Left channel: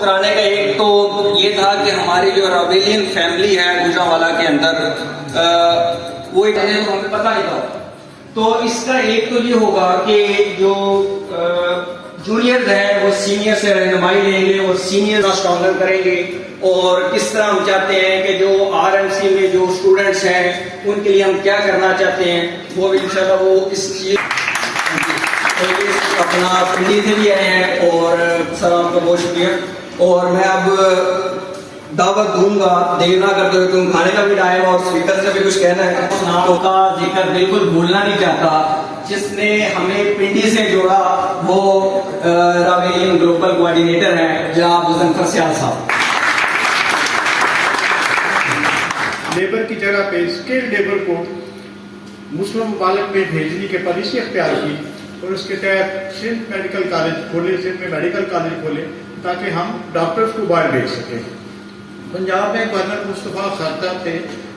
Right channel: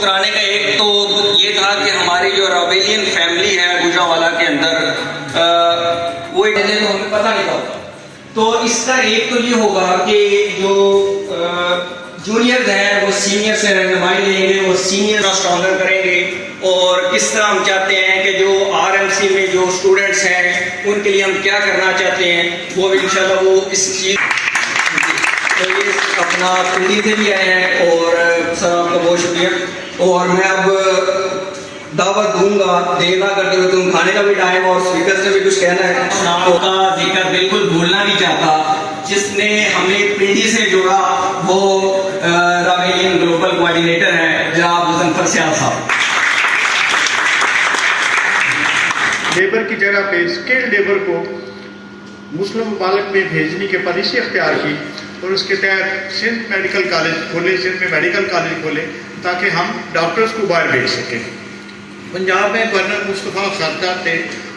کرانے کا ایک تو یہ تھا کہ ہماری جو راویلین فیملی ہے گوجرانوالہ کے اندر وہ ہمیں پتہ نہیں تھا. تو اس کا ایک تو یہ ہوگا کہ جو جونیئرز ہیں وہ سینئر سے رہنمائی لیں گے, وہ سینئر اسٹرانگر کریں گے, اور کس طرح ہم چاہتے ہیں کہ جو آر ایم سی میں جو اسٹوڈنٹس ہیں ان کے لیے ہم کیا کرنا چاہتے ہیں وہ بھی انشاءاللہ وہ اس چیز اپنا پنڈی سے بھی آئے ہیں. اور سر آپ کا بہت شکریہ. اور میں اب دعوت دوں گا دیر نہ کرتے ہوئے, تم کھانے کا بھی ٹائم اور اسپیکر سے بھی کچھ کہنا ہے. آپ کا ذکر بالکل بھولنا نہیں چاہتا. جس نے ہمیں پنڈی سے جوڑا وہ راویلین گلوبل کوآرڈینیٹر ہیں جناب مظفر سیال صاحب. لیبر کی جگہ پہ اسکلڈ لیبر کو مسلم ممالک میں بھیجنے کی پالیسی اختیار کی, اور اس کے تحت سندھ میڈیکل کالج کھولے, سندھ میں میڈیکل کالج کھولے تاکہ ہم ڈاکٹرز کو باہر بھیج سکیں. پنجاب میں گورنر مصطفیٰ صاحب تھے,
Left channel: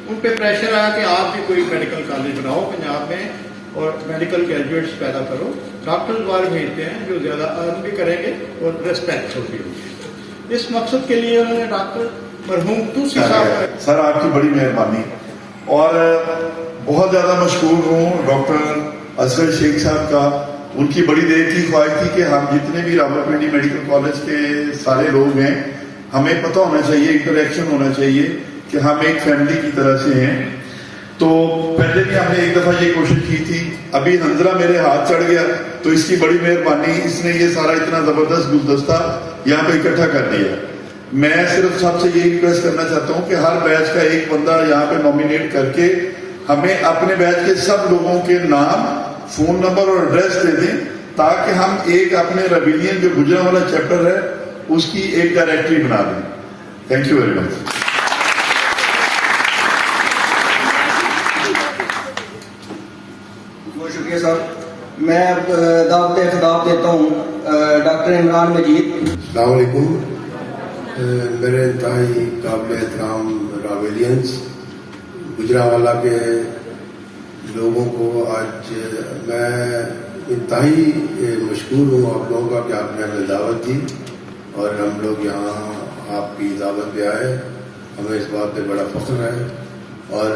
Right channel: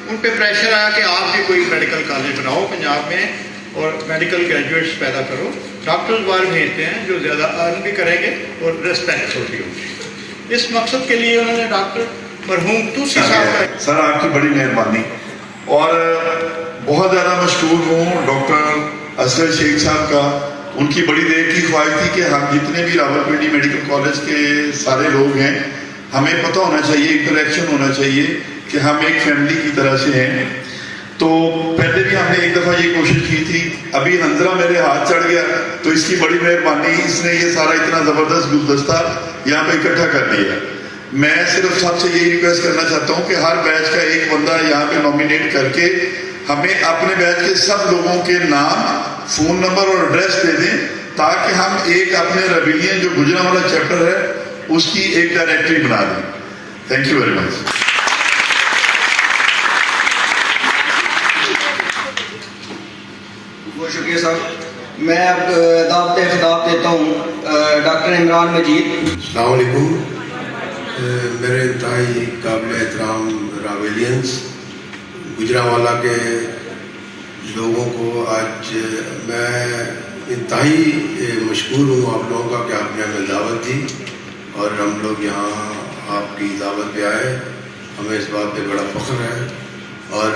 ان پہ پریشر آیا کہ آپ بھی کوئی میڈیکل کالج بناؤ پنجاب میں اور میڈیکل گریجویٹس پیدا کرو. ڈاکٹرز باہر بھیجتے ہیں جو زیادہ ارن بھی کریں گے اور ریسپیکٹ ہوتی ہوگی. اس مقصد کے لیے انہوں نے ڈاکٹر مرحوم توسی صاحب. سر آپ کی بڑی مہربانی, اور بہت زیادہ مشکور ہوں ڈاکٹر اصغر شیخ صاحب کا. ان کی بڑی دیر کی خواہش تھی کہ ہم جتنے بھی راولپنڈی میڈیکل کالج کے سارے لوگ ہیں ہمیں پتہ ہونا چاہیے, انٹریکشن ہونا چاہیے کہ ہم ایک فیملی کی طرح سے ہیں. تو پہلے بھی ہم نے ایک دفعہ یہ کوشش کی تھی, ابھی ننظرہ میرے ہاتھ چڑھ گیا تو اس کی بڑی مہربانی, اس نے یہ سارا اتنا زبردست گلدستہ یہاں پہ اکٹھا کر دیا. میں صرف سب سے یہی ریکویسٹ کرنا چاہتا ہوں کہ ہر بیچ کا ایک بندہ یہاں پہ نومینیٹ کر کے ہمیں اپنے بیچ کے سب لوگوں کے نام, فون نمبر اور ایڈریس دے دیں تاکہ ہم ایک اپنے راویلین جو گوجرانوالہ چیپٹر ہے اس کی ایک ڈائریکٹری بنا دیں. تھینک یو ویری مچ. بہت شکریہ صاحب. میں اب دعوت خطاب دیتا ہوں ڈاکٹر عمران مجید. السلام علیکم. میرے انتہائی قابل احترام راویلینس گوجرانوالہ کے لوگوں کو آج میں انتہائی مشکور ہوں آپ لوگوں کا کہ آپ نے ہمیں دعوت دی اور ہم لوگ یہاں آپ کی دعوت پہ آئے. ہمیں اس بات پہ بڑا فخر ہے, اور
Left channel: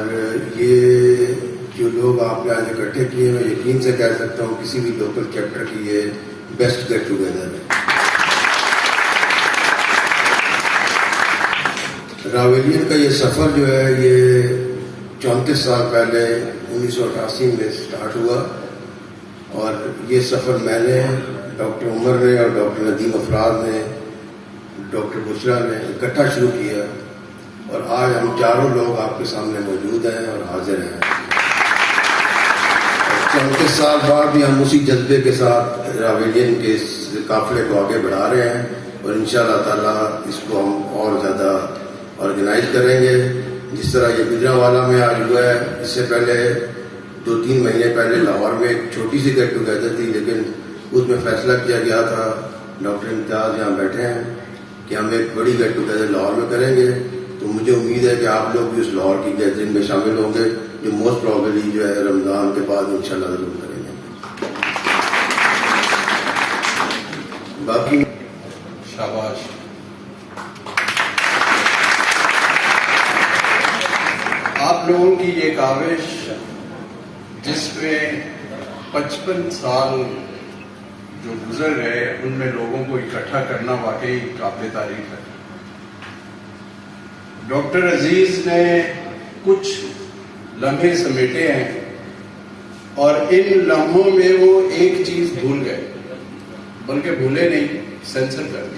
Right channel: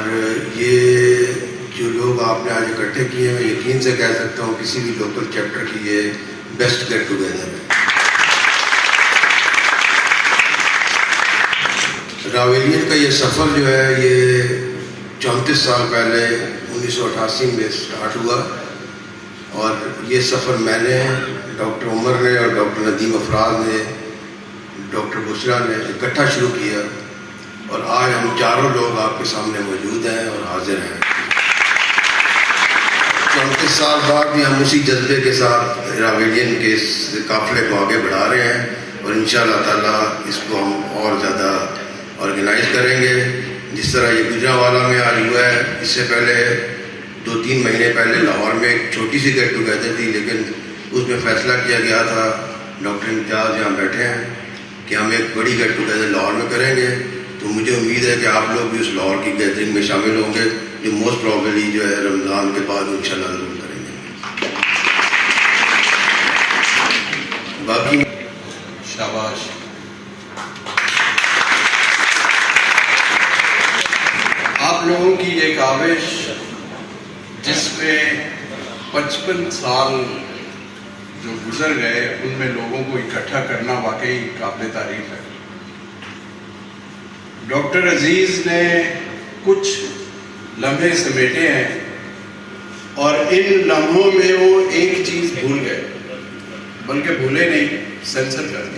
یہ جو لوگ آپ نے آج اکٹھے کیے میں یقین سے کہہ سکتا ہوں کسی بھی لوکل چیپٹر کی یہ بیسٹ گیٹ ٹوگیدر ہے. راویلین کا یہ سفر جو ہے یہ 34 سال پہلے 1988 میں سٹارٹ ہوا, اور یہ سفر میں نے, ڈاکٹر عمر نے اور ڈاکٹر ندیم افراز نے, ڈاکٹر بشرا نے اکٹھا شروع کیا, اور آج ہم چاروں لوگ آپ کے سامنے موجود ہیں اور حاضر ہیں. 34 سال بعد بھی ہم اسی جذبے کے ساتھ راویلین کے اس قافلے کو آگے بڑھا رہے ہیں, اور انشاءاللہ تعالیٰ اس کو ہم اور زیادہ آرگنائز کریں گے. جس طرح یہ گوجرانوالہ میں آج ہوا ہے, اس سے پہلے 2-3 مہینے پہلے لاہور میں ایک چھوٹی سی گیٹ ٹوگیدر تھی, لیکن اس میں فیصلہ کیا گیا تھا, ڈاکٹر امتیاز یہاں بیٹھے ہیں, کہ ہم ایک بڑی گیٹ ٹوگیدر لاہور میں کریں گے. تو مجھے امید ہے کہ آپ لوگ بھی اس لاہور کی گیدرنگ میں شامل ہوں گے, جو موسٹ پرابیبلی جو ہے رمضان کے بعد انشاءاللہ ضرور کریں گے. باقی شاباش. آپ لوگوں کی یہ کاوش جس میں 55 سال جو گزر گئے ان میں لوگوں کو اکٹھا کرنا واقعی قابل تعریف ہے. ڈاکٹر عزیز نے کچھ لمحے سمیٹے ہیں, اور ان لمحوں میں وہ ایک چیز بھول گئے, بلکہ بھولے نہیں, سینسر کر دی.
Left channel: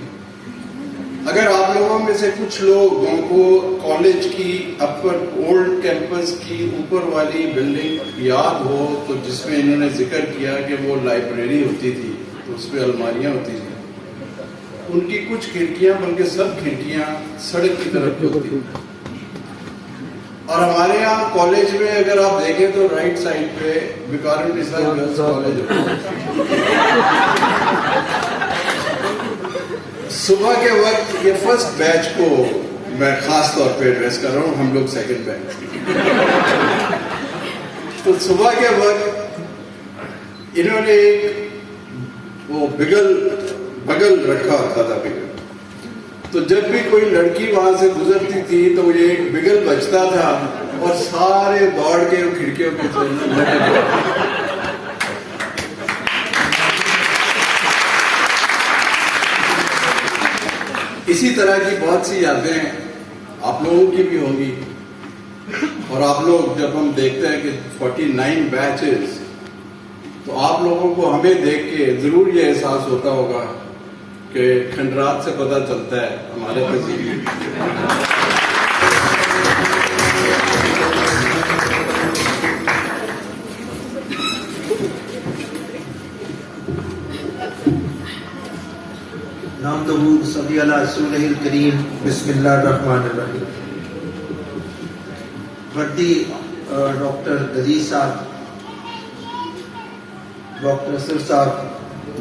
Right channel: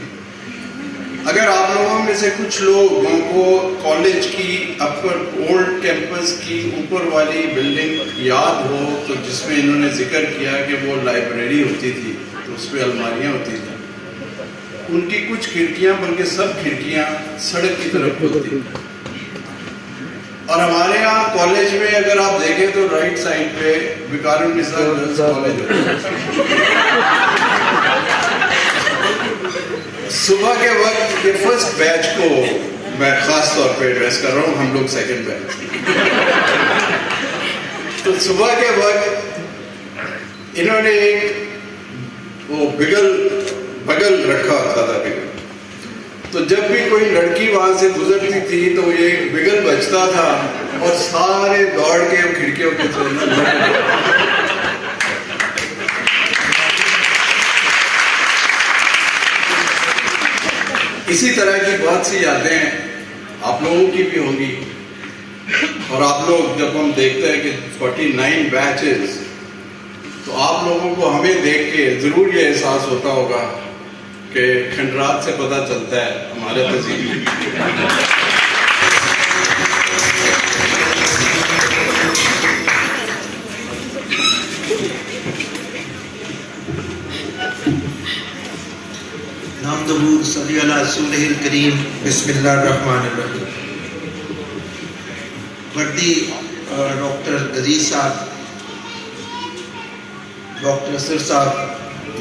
اگر آپ لوگوں میں سے کچھ لوگوں کو کالج کی اپر اولڈ کیمپس کی اوپر والی بلڈنگ یاد ہو تو جس میں انہوں نے ذکر کیا کہ وہ لائبریری ہوتی تھی تو اس پہ الماریاں ہوتی تھیں, ان کی کچھ کھڑکیاں بلکہ سب کھڑکیاں سڑک کی طرف ہوتی تھیں. اور ہمارے یہاں کالج میں اگر آپ دیکھیں تو رائٹ سائڈ پہ وقار النساء گرلز کالج ہوتا ہے. صبح کے وقت یہ فرسٹ بیچ کو میں خاص طور پہ ایڈریس کر رہا ہوں, ہم لوگ سیکنڈ بیچ. تو صبح کے وقت انہوں نے ایک وہ بگل رکھا ہوتا تھا, بگل تو جب بھی کوئی لڑکی وہاں سے گزرتی تھی تو وہ ایک بگل بجتا تھا اور سارے دوڑ کے کھڑکیوں کے اسی طرح کی بہت سی یادیں آپ لوگوں کی بھی ہوں گی. اور آپ لوگ جب ہم دیکھتے ہیں کہ 49 بیچز، تو آپ لوگوں کو ہمیں دیکھ کے ضرور یہ احساس ہوتا ہوگا کہ کھنڈرات سے پتہ چلتا ہے ہمارے تہذیب. نحمدہ صلی علی رسولہ الکریم. بسم اللہ الرحمن الرحیم. وردی ڈاکٹر عزیز صاحب، ڈاکٹر اسر صاحب،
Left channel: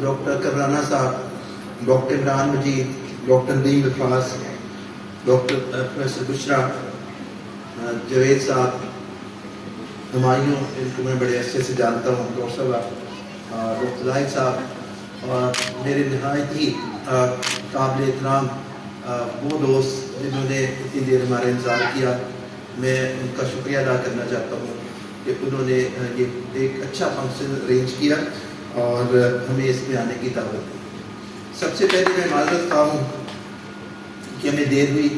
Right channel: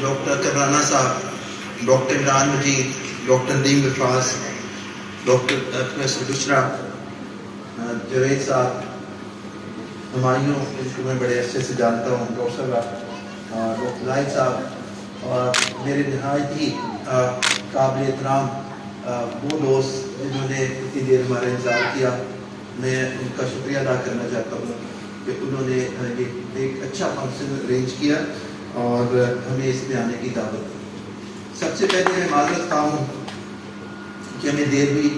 ڈاکٹر کرانہ صاحب، doctor Imran Majeed, doctor Nadeem Afraz, doctor professor Bushra, Javed صاحب، ہمایوں ان کو میں بڑے عرصے سے جانتا ہوں، ڈاکٹر زاہد صاحب، اور میرے نہایت ہی قابل احترام وہ دوست جنہوں نے اتنی دیر ہمارا انتظار کیا. میں ان کا شکریہ ادا کرنا چاہتا ہوں کہ انہوں نے یہ ایک اچھا فنکشن ارینج کیا اور ہمیں اس میں آنے کی دعوت دی. سب سے پہلے میں معذرت خواہ ہوں کہ ہمیں دیر ہوئی.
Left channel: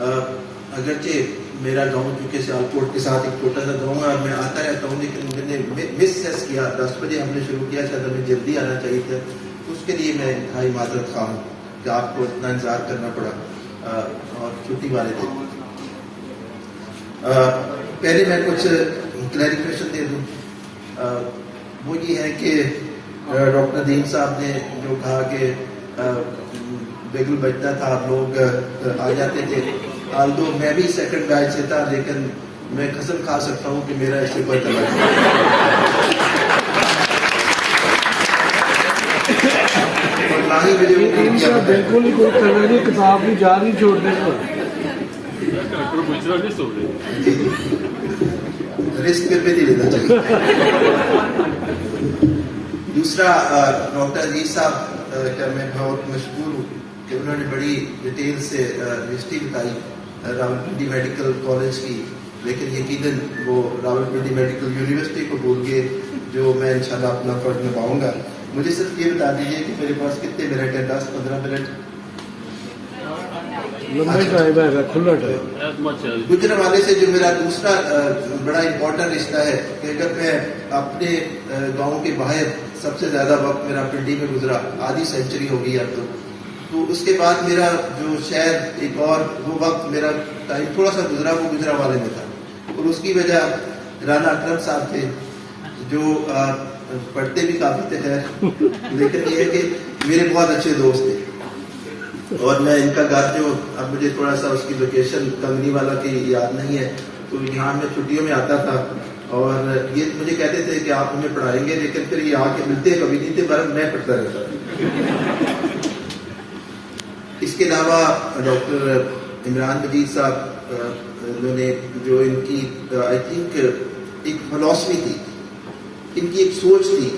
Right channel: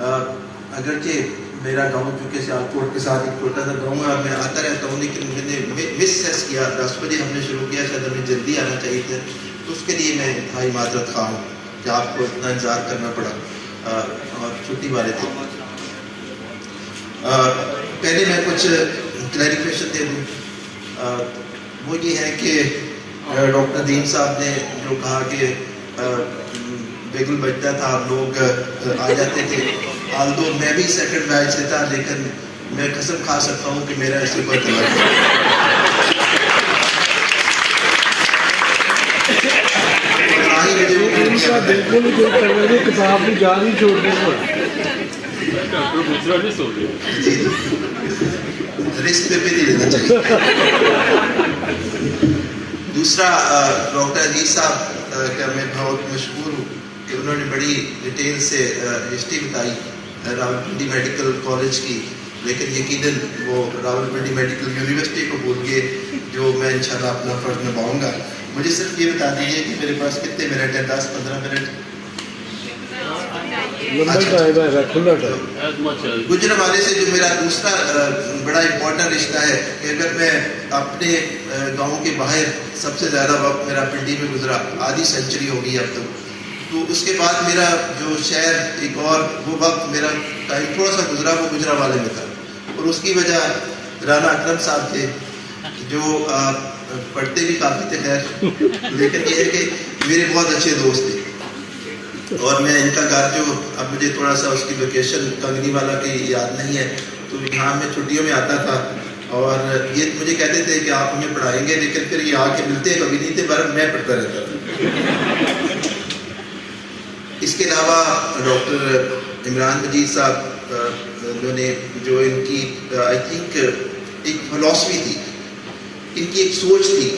اگرچہ میرا گاؤں چونکہ سیالکوٹ کے ساتھ ایک چھوٹا سا گاؤں ہے اور میں آتا رہتا ہوں، لیکن مجھے نے مس کیا. 10 بجے ہم نے شروع کیا، شاید ہمیں جلدی آنا چاہیے تھا، تو اس کے لیے میں انتہائی معذرت خواہ ہوں کہ آپ کو اتنا انتظار کرنا پڑا اور چھٹی والے تھے. پہلے میں کچھ کلیریفیکیشن دے دوں. وہ یہ ہے کہ ڈاکٹر دیم صاحب نے جو کہا کہ بیگل بجتا تھا، لوگ آ جاتے تھے. آلدو میں بھی سیکنڈ بیچ سے تھا، لیکن میں قسم کھا سکتا ہوں کہ میرا اس سے کوئی تعلق نہیں. بالکل ہی کوئی کرنے کی کتاب بھی جا نہیں چھوڑنے کو رسک پہ بھی نہیں لینا چاہیے. دوسرا ڈاکٹر عزیز صاحب کا میں بہت مشکور ہوں کہ انہوں نے بڑی ڈیٹیل سے ہسٹری بتائی راولپنڈی میڈیکل کالج کی، لیکن یقیناً وہ راولپنڈی میڈیکل یونیورسٹی کو بھول گئے، جو میں انشاءاللہ اپنا فرض نبھاؤں گا. مجھے صرف یہ بتا دیجیے کہ میرے پاس کتنے منٹ ہے؟ 10-15 منٹ؟ گجرانوالے سے جو میرا دوسرا بڑا امپورٹنٹ رشتہ ہے کہ اگر میں اپنے گاؤں کے باہر سب سے زیادہ وقت میرا پنڈی میں گزرا، آدھی سینچری ہو گئی اب تو اس کے بعد میرا جو شہر ایک اور وہ وقت میرا ٹائم تھوڑا سا گزرا وہ گجرانوالے میں تھا. اور اس کی وجہ رانا اکرم صاحب تھے، جو پڑھتے بھی کافی تھے خیر، لیکن یہ ہے کہ میرے بہت اچھے دوست تھے. اور میں ان کا گھر جو اب مجھے تھوڑا سا اس کی لوکیشن کنگنی والا کی یاد نہیں ہے، تو یہاں میں چھٹیوں میں آتا تھا اور یہ مجھے کہتے تھے کہ آپ ہمیں پڑھائیں گے، لیکن پھر یہ آ کے ملتے کبھی نہیں تھے، برابر میں پڑھتا رہتا تھا. اس کے علاوہ ڈاکٹر عمران مجید صاحب انہوں نے جو ان کی آئی تھنک ایک فلاسفی تھی، ان کی ایک سوچ تھی،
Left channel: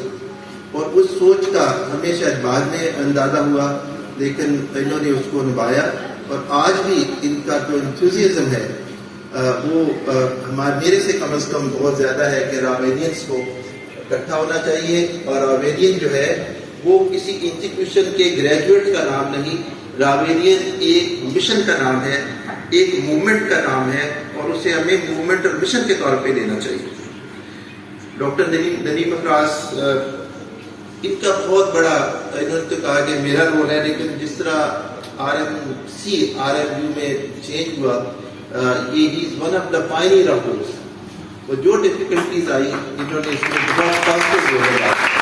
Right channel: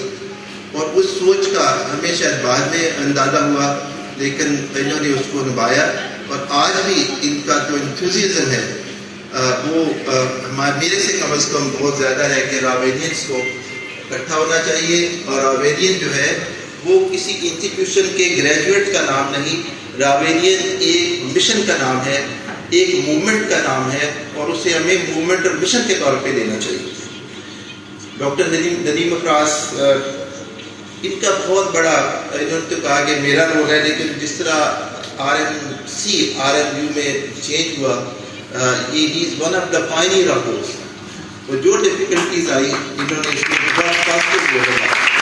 اور اس سوچ کا ہمیں شاید بعد میں اندازہ ہوا، لیکن انہوں نے اس کو نبھایا. اور آج بھی ان کا جو انتھوزیزم ہے وہ میرے سے کم از کم بہت زیادہ ہے کہ راویلینس کو اکٹھا ہونا چاہیے. اور راویلین جو ہے وہ کسی انسٹیٹیوشن کے گریجویٹ کا نام نہیں، راویلین ایک مشن کا نام ہے، ایک موومنٹ کا نام ہے، اور اسے ہمیں موومنٹ اور مشن کے طور پہ لینا چاہیے. ڈاکٹر ندیم افراز، ان کا بہت بڑا، انہوں نے تو کہا کہ میرا رول ہے، لیکن جس طرح RMU میں چینج ہوا، یہ is one of the pioneer of those. وہ جو ڈفیکلٹیز آئی انہوں نے اس میں بہت پازیٹیو رول ادا کیا.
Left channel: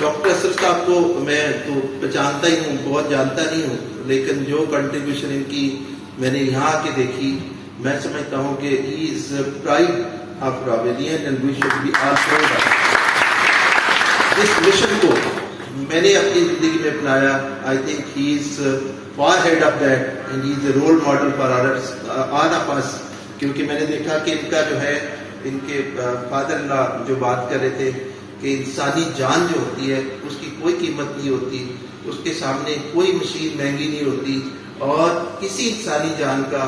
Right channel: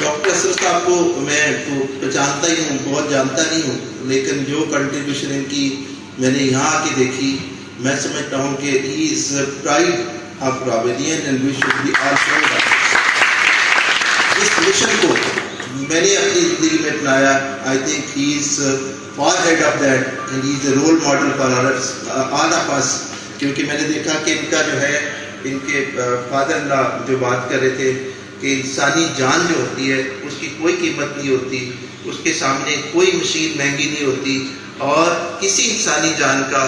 ڈاکٹر اسر صاحب کو میں پہچانتا ہی ہوں، بہت جانتا نہیں ہوں، لیکن جو کنٹریبیوشن ان کی میں نے یہاں آ کے دیکھی، میں سمجھتا ہوں کہ he is pride of Ravian and we should be all proud of. اس مشن کو میں نے اپنی زندگی میں اپنایا. I think he is far ahead of that and he is a role model for all of us. کیونکہ میں نے دیکھا کہ ان کا جو ہے، ان کے فادر لا جو بات کر رہے تھے کہ انسانی جان جو ہوتی ہے اس کی کوئی قیمت نہیں ہوتی، اس کے سامنے کوئی مشین مہنگی نہیں ہوتی اور کسی انسانی جان کا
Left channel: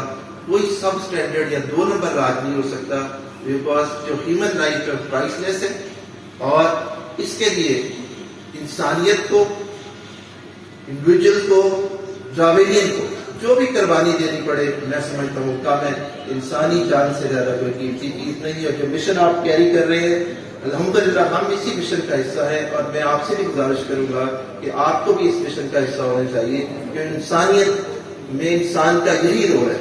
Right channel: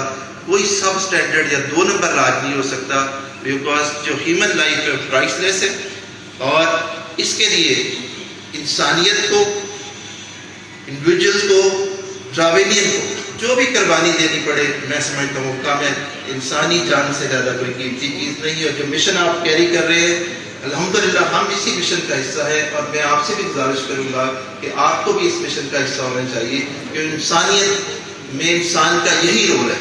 کوئی سب سٹینڈرڈ یا 2 نمبر راج نہیں ہو سکتا، بیکاز جو ہیومن لائف ہے پرائس لیس ہے، اور اس کے لیے انسانیت کو، انڈیویجول کو، ٹراویلین کو جو بھی قربانی دینی پڑے، میں سمجھتا ہوں کامل انسانی جان سے زیادہ کوئی قیمتی چیز نہیں ہے۔ جو مشن آپ کیری کر رہے ہیں الحمدللہ ہم اسی مشن کا حصہ ہے، اور میں آپ سے بھی گزارش کروں گا کہ آپ کو بھی اس مشن کا حصہ ہونا چاہیے، کہ انسانیت میں انسان کا یہی رول ہے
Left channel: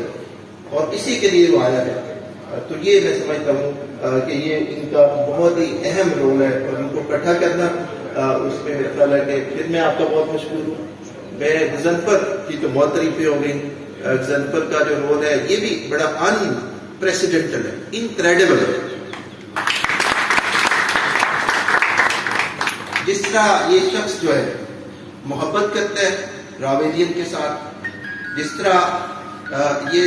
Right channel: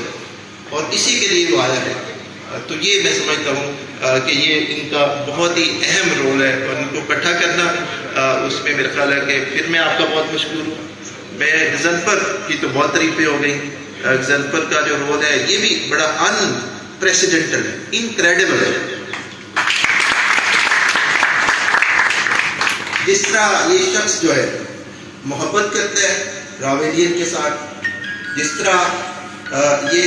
اور اسی کے لیے وہ آیا ہے۔ تو یہ میں سمجھتا ہوں کہ یہ ان کا بہت ہی اہم رول ہے، اور ان کو اکٹھا کرنا اس میں میرا خیال ہے کہ پھر میں آپ کا بہت مشکور ہوں۔ میں غضنفر کی تو بہت تعریفیں ہو گئی، غضنفر کا جو رول ہے یہ بھی بڑا ان پریسیڈنٹل ہے، انکریڈیبل ہے۔ جس طرح یہ شخص جو ہے محبت کرتا ہے راویلین کے ساتھ، جس طرح یہ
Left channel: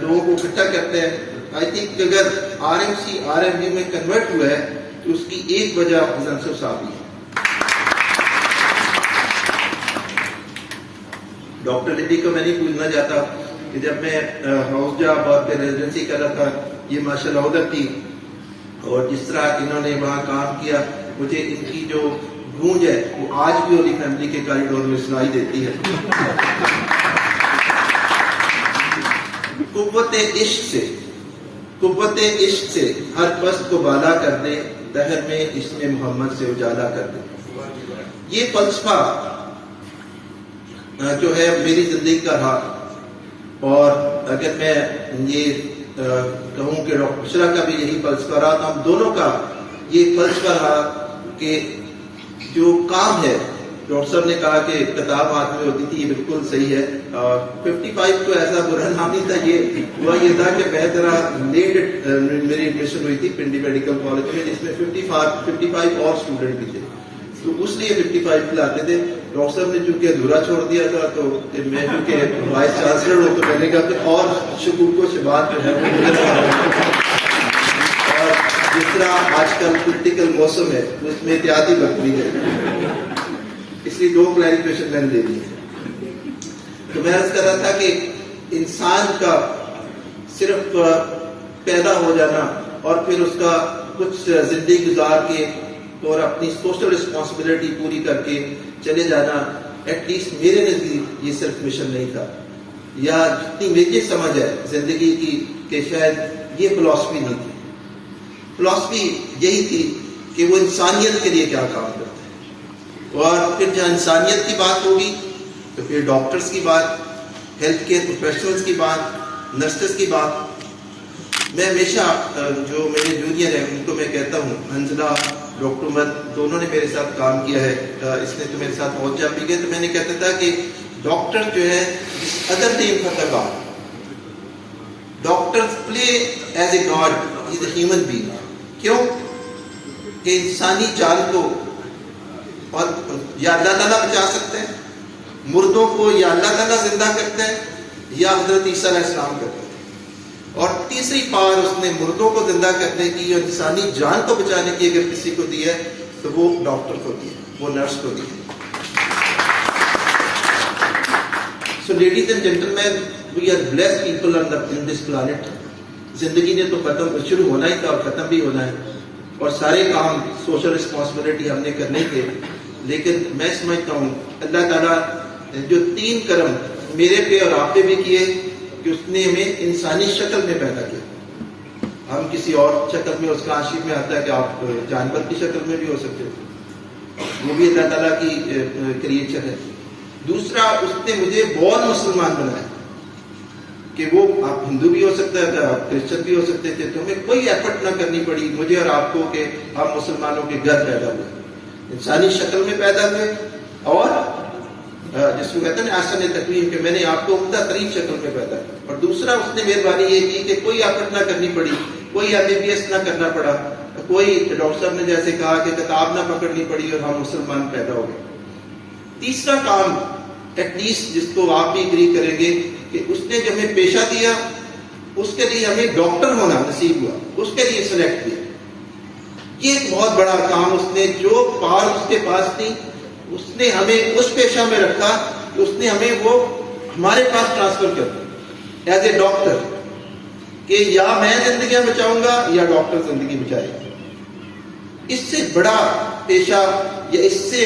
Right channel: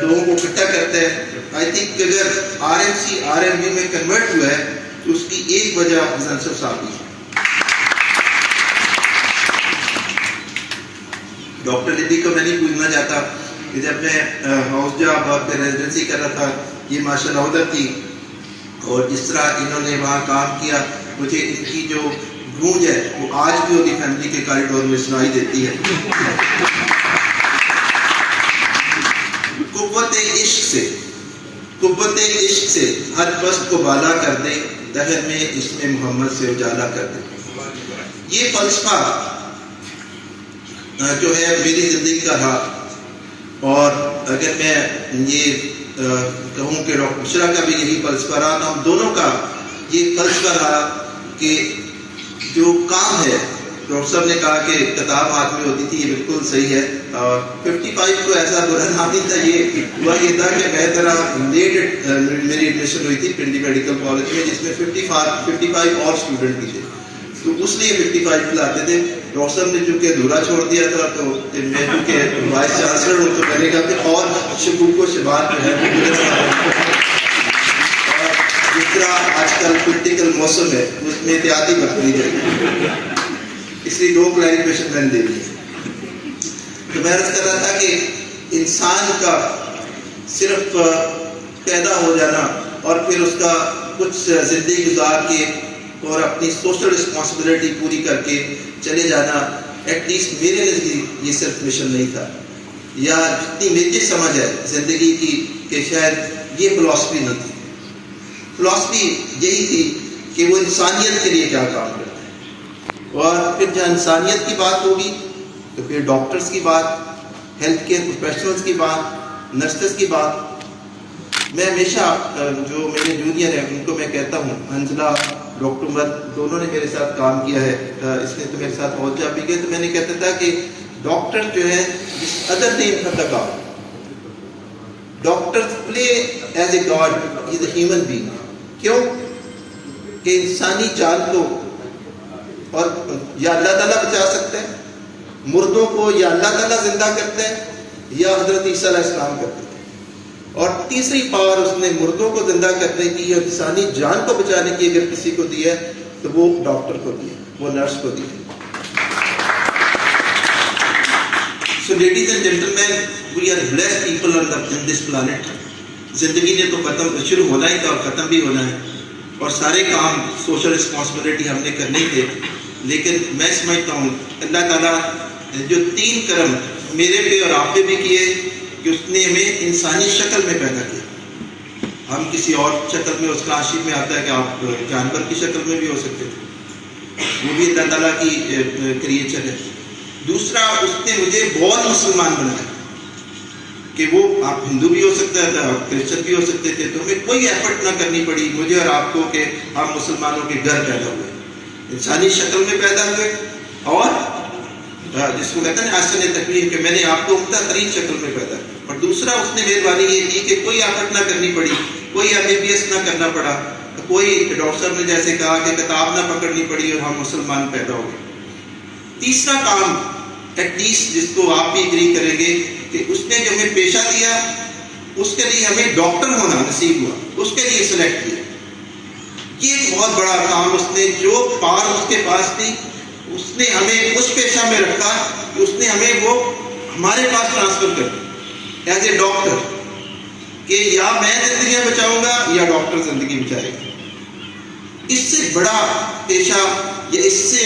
لوگوں کو اکٹھا کرتا ہے، آئی تھنک اگر RMC RMU میں کنورٹ ہوا ہے تو اس کی ایک وجہ غضنفر صاحب کی ہے۔ ڈاکٹر لدی کو میں نہیں بھولنا چاہتا کہ جب میں ہاؤس جاب اور پھر ریزیڈنسی کر رہا تھا، یہ ماشاءاللہ ادھر تھی، اور جس طرح انہوں نے وہاں کام کیا، مجھے ان کی جو گونج ہے وہ آج بھی ہوگی فیملی کے کاریڈور میں سنائی دیتی ہے۔ قوت عشق سے ہر پست کو بالا کر دیں، دہر میں اس میں محمد سے اجالا کر دیں۔ یہ فلسفہ جو ہے میری زندگی کا رہا، اور اگر میں یہ کہوں کہ ڈاکٹر بشرا کا بھی یہی فلسفہ رہا، ہم دونوں کا یہ فلسفہ رہا کہ جو کام ہے، ڈاکٹر صاحب نے کہا کہ کتاب ہاتھ میں ہوتی تھی، یہ بالکل صحیح ہے، اور 55 کو ایسا برا نام نہیں تھا، یہ تھا کہ میں ذرا لیٹ میری ایڈمیشن ہوئی تھی پنڈی میڈیکل کالج میں، جس میں 55 اور اسٹوڈنٹ بھی تھے، تو اس لیے 55 لاتے تھے۔ ڈاکٹر صاحب نے چونکہ ادھورا چھوڑ دیا تھا، تو میں چونکہ وائس چانسلر ہوں تو میں نے کہا کہ اور شکوک و شبہات جو ہے، اور جس طرح آج کل پولیٹیکل موسم ہے اس میں احتیاطی برتنی ہے، اس لیے 2 کلیریفیکیشن میں نے دے دی ہے۔ تو میں عرض کر رہا تھا کہ انسان کا صرف پیدا ہو جانا اور پھر اس کا کچھ زندگی گزار کے اور اپنی سوشل رسپانسبلٹی پوری کر کے چلے جانا، ایٹ لیسٹ میرے نزدیک یہ صرف مشن نہیں تھا، یا جتنی میری سمجھ ہے زندگی کی کہ شاید یہ فلاسفی نہیں تھی۔ فلاسفی یہی تھی کہ وہ انسانیت کے لیے کیا کام کرتا ہے، اور پھر جہاں انسانیت کی بات ہوگی تو پھر ڈاکٹرز کی بات، ہیلتھ کیئر پروفیشنلز کی بات، نرسز کی بات۔ میں ہمیشہ جو میرے جونیئر ہیں ان کو میں کہتا ہوں، حنزلہ، ڈاکٹر عمر دونوں نے میرے ساتھ کام کیا ہے، اس نے تو میرے ساتھ بہت جا بھی گئے، تو میں نے کہتا تھا کہ ڈاکٹر جو ہے ادر نیم کا تھا، doctor play as a God, is a human being. کیوں کہ انسانی جان کو اور یا اللہ تعالیٰ بچا سکتا ہے، مردوں کو یا اللہ تعالیٰ زندہ کرتا ہے یا حضرت عیسیٰ علیہ السلام کرتے تھے، اور تیسری پاور اس نے مردوں کو زندہ کرنے کی اور انسانی جان کو بچانے کی اگر کسی کو دی ہے تو وہ ڈاکٹر کو دی ہے، وہ نرس کو دی ہے۔ So ladies and gentlemen, we are blessed people on this planet. زندگی نے تو ختم شروع ہونا ہی تھا اور ختم بھی ہونا ہے، اور سارے کام سوشل رسپانسبلٹی ہم نے کرنے تھے، لیکن میں سمجھتا ہوں اللہ تعالیٰ جو 3 کرم میرے پہ اور آپ پہ بھی کیے کہ اس نے ہمیں انسانی شکل میں پیدا کیا۔ ہم کسی اور شکل میں، اس کا عاشق میں آتا ہے کہ آپ جانور کی شکل میں بھی ہو سکتے تھے، وہ بھی اللہ تعالیٰ کی کریچر ہے۔ دوسرا، اس نے مجھے بہت مسلمان بنایا کہ وہ آپ ہندو بھی ہو سکتا تھا، آپ کرسچن بھی ہو سکتے تھے، تو ہمیں کوئی ایفرٹ نہ کرنی پڑی مجھے اور آپ کو کہ ہم مسلمانوں کے گھر پیدا ہوئے، انسانی شکل میں پیدا ہوئے، اور جس کو کہتے ہیں آسن تکلیف کہ میں نے آپ کو عمدہ ترین شکل میں پیدا کیا۔ اور دوسرا، اس نے مہربانی یہ کی کہ کوئی ایفرٹ نہ کرنی پڑی، کوئی MBBS نہ کرنا پڑا، کوئی ڈاکٹر صاحب نے جیسے کہا کہ کتاب نہ پکڑنی پڑی اور ہم مسلمان پیدا ہو گئے۔ تیسرا کام ایٹ لیسٹ جس کو آپ بھی اگری کریں گے کہ اس نے جو ہمیں پیشہ دیا، اس کے لیے ہمیں ڈاکٹر ہونا نصیب ہوا، اس کے لیے سلیکٹ کیا۔ یہ ایک بہت بڑا کام اس نے، جو پار اس کے پاس تھی اس نے ہمیں اس پیشہ میں رکھا کہ اس نے ہمیں وہ ہمارے پاس ٹرانسفر کر دیا ایز اے ڈاکٹر کہ یا میں زندگیاں بچاؤں گا یا ڈاکٹر زندگی بچائے گا. اس سے بڑا پیشہ یا اس سے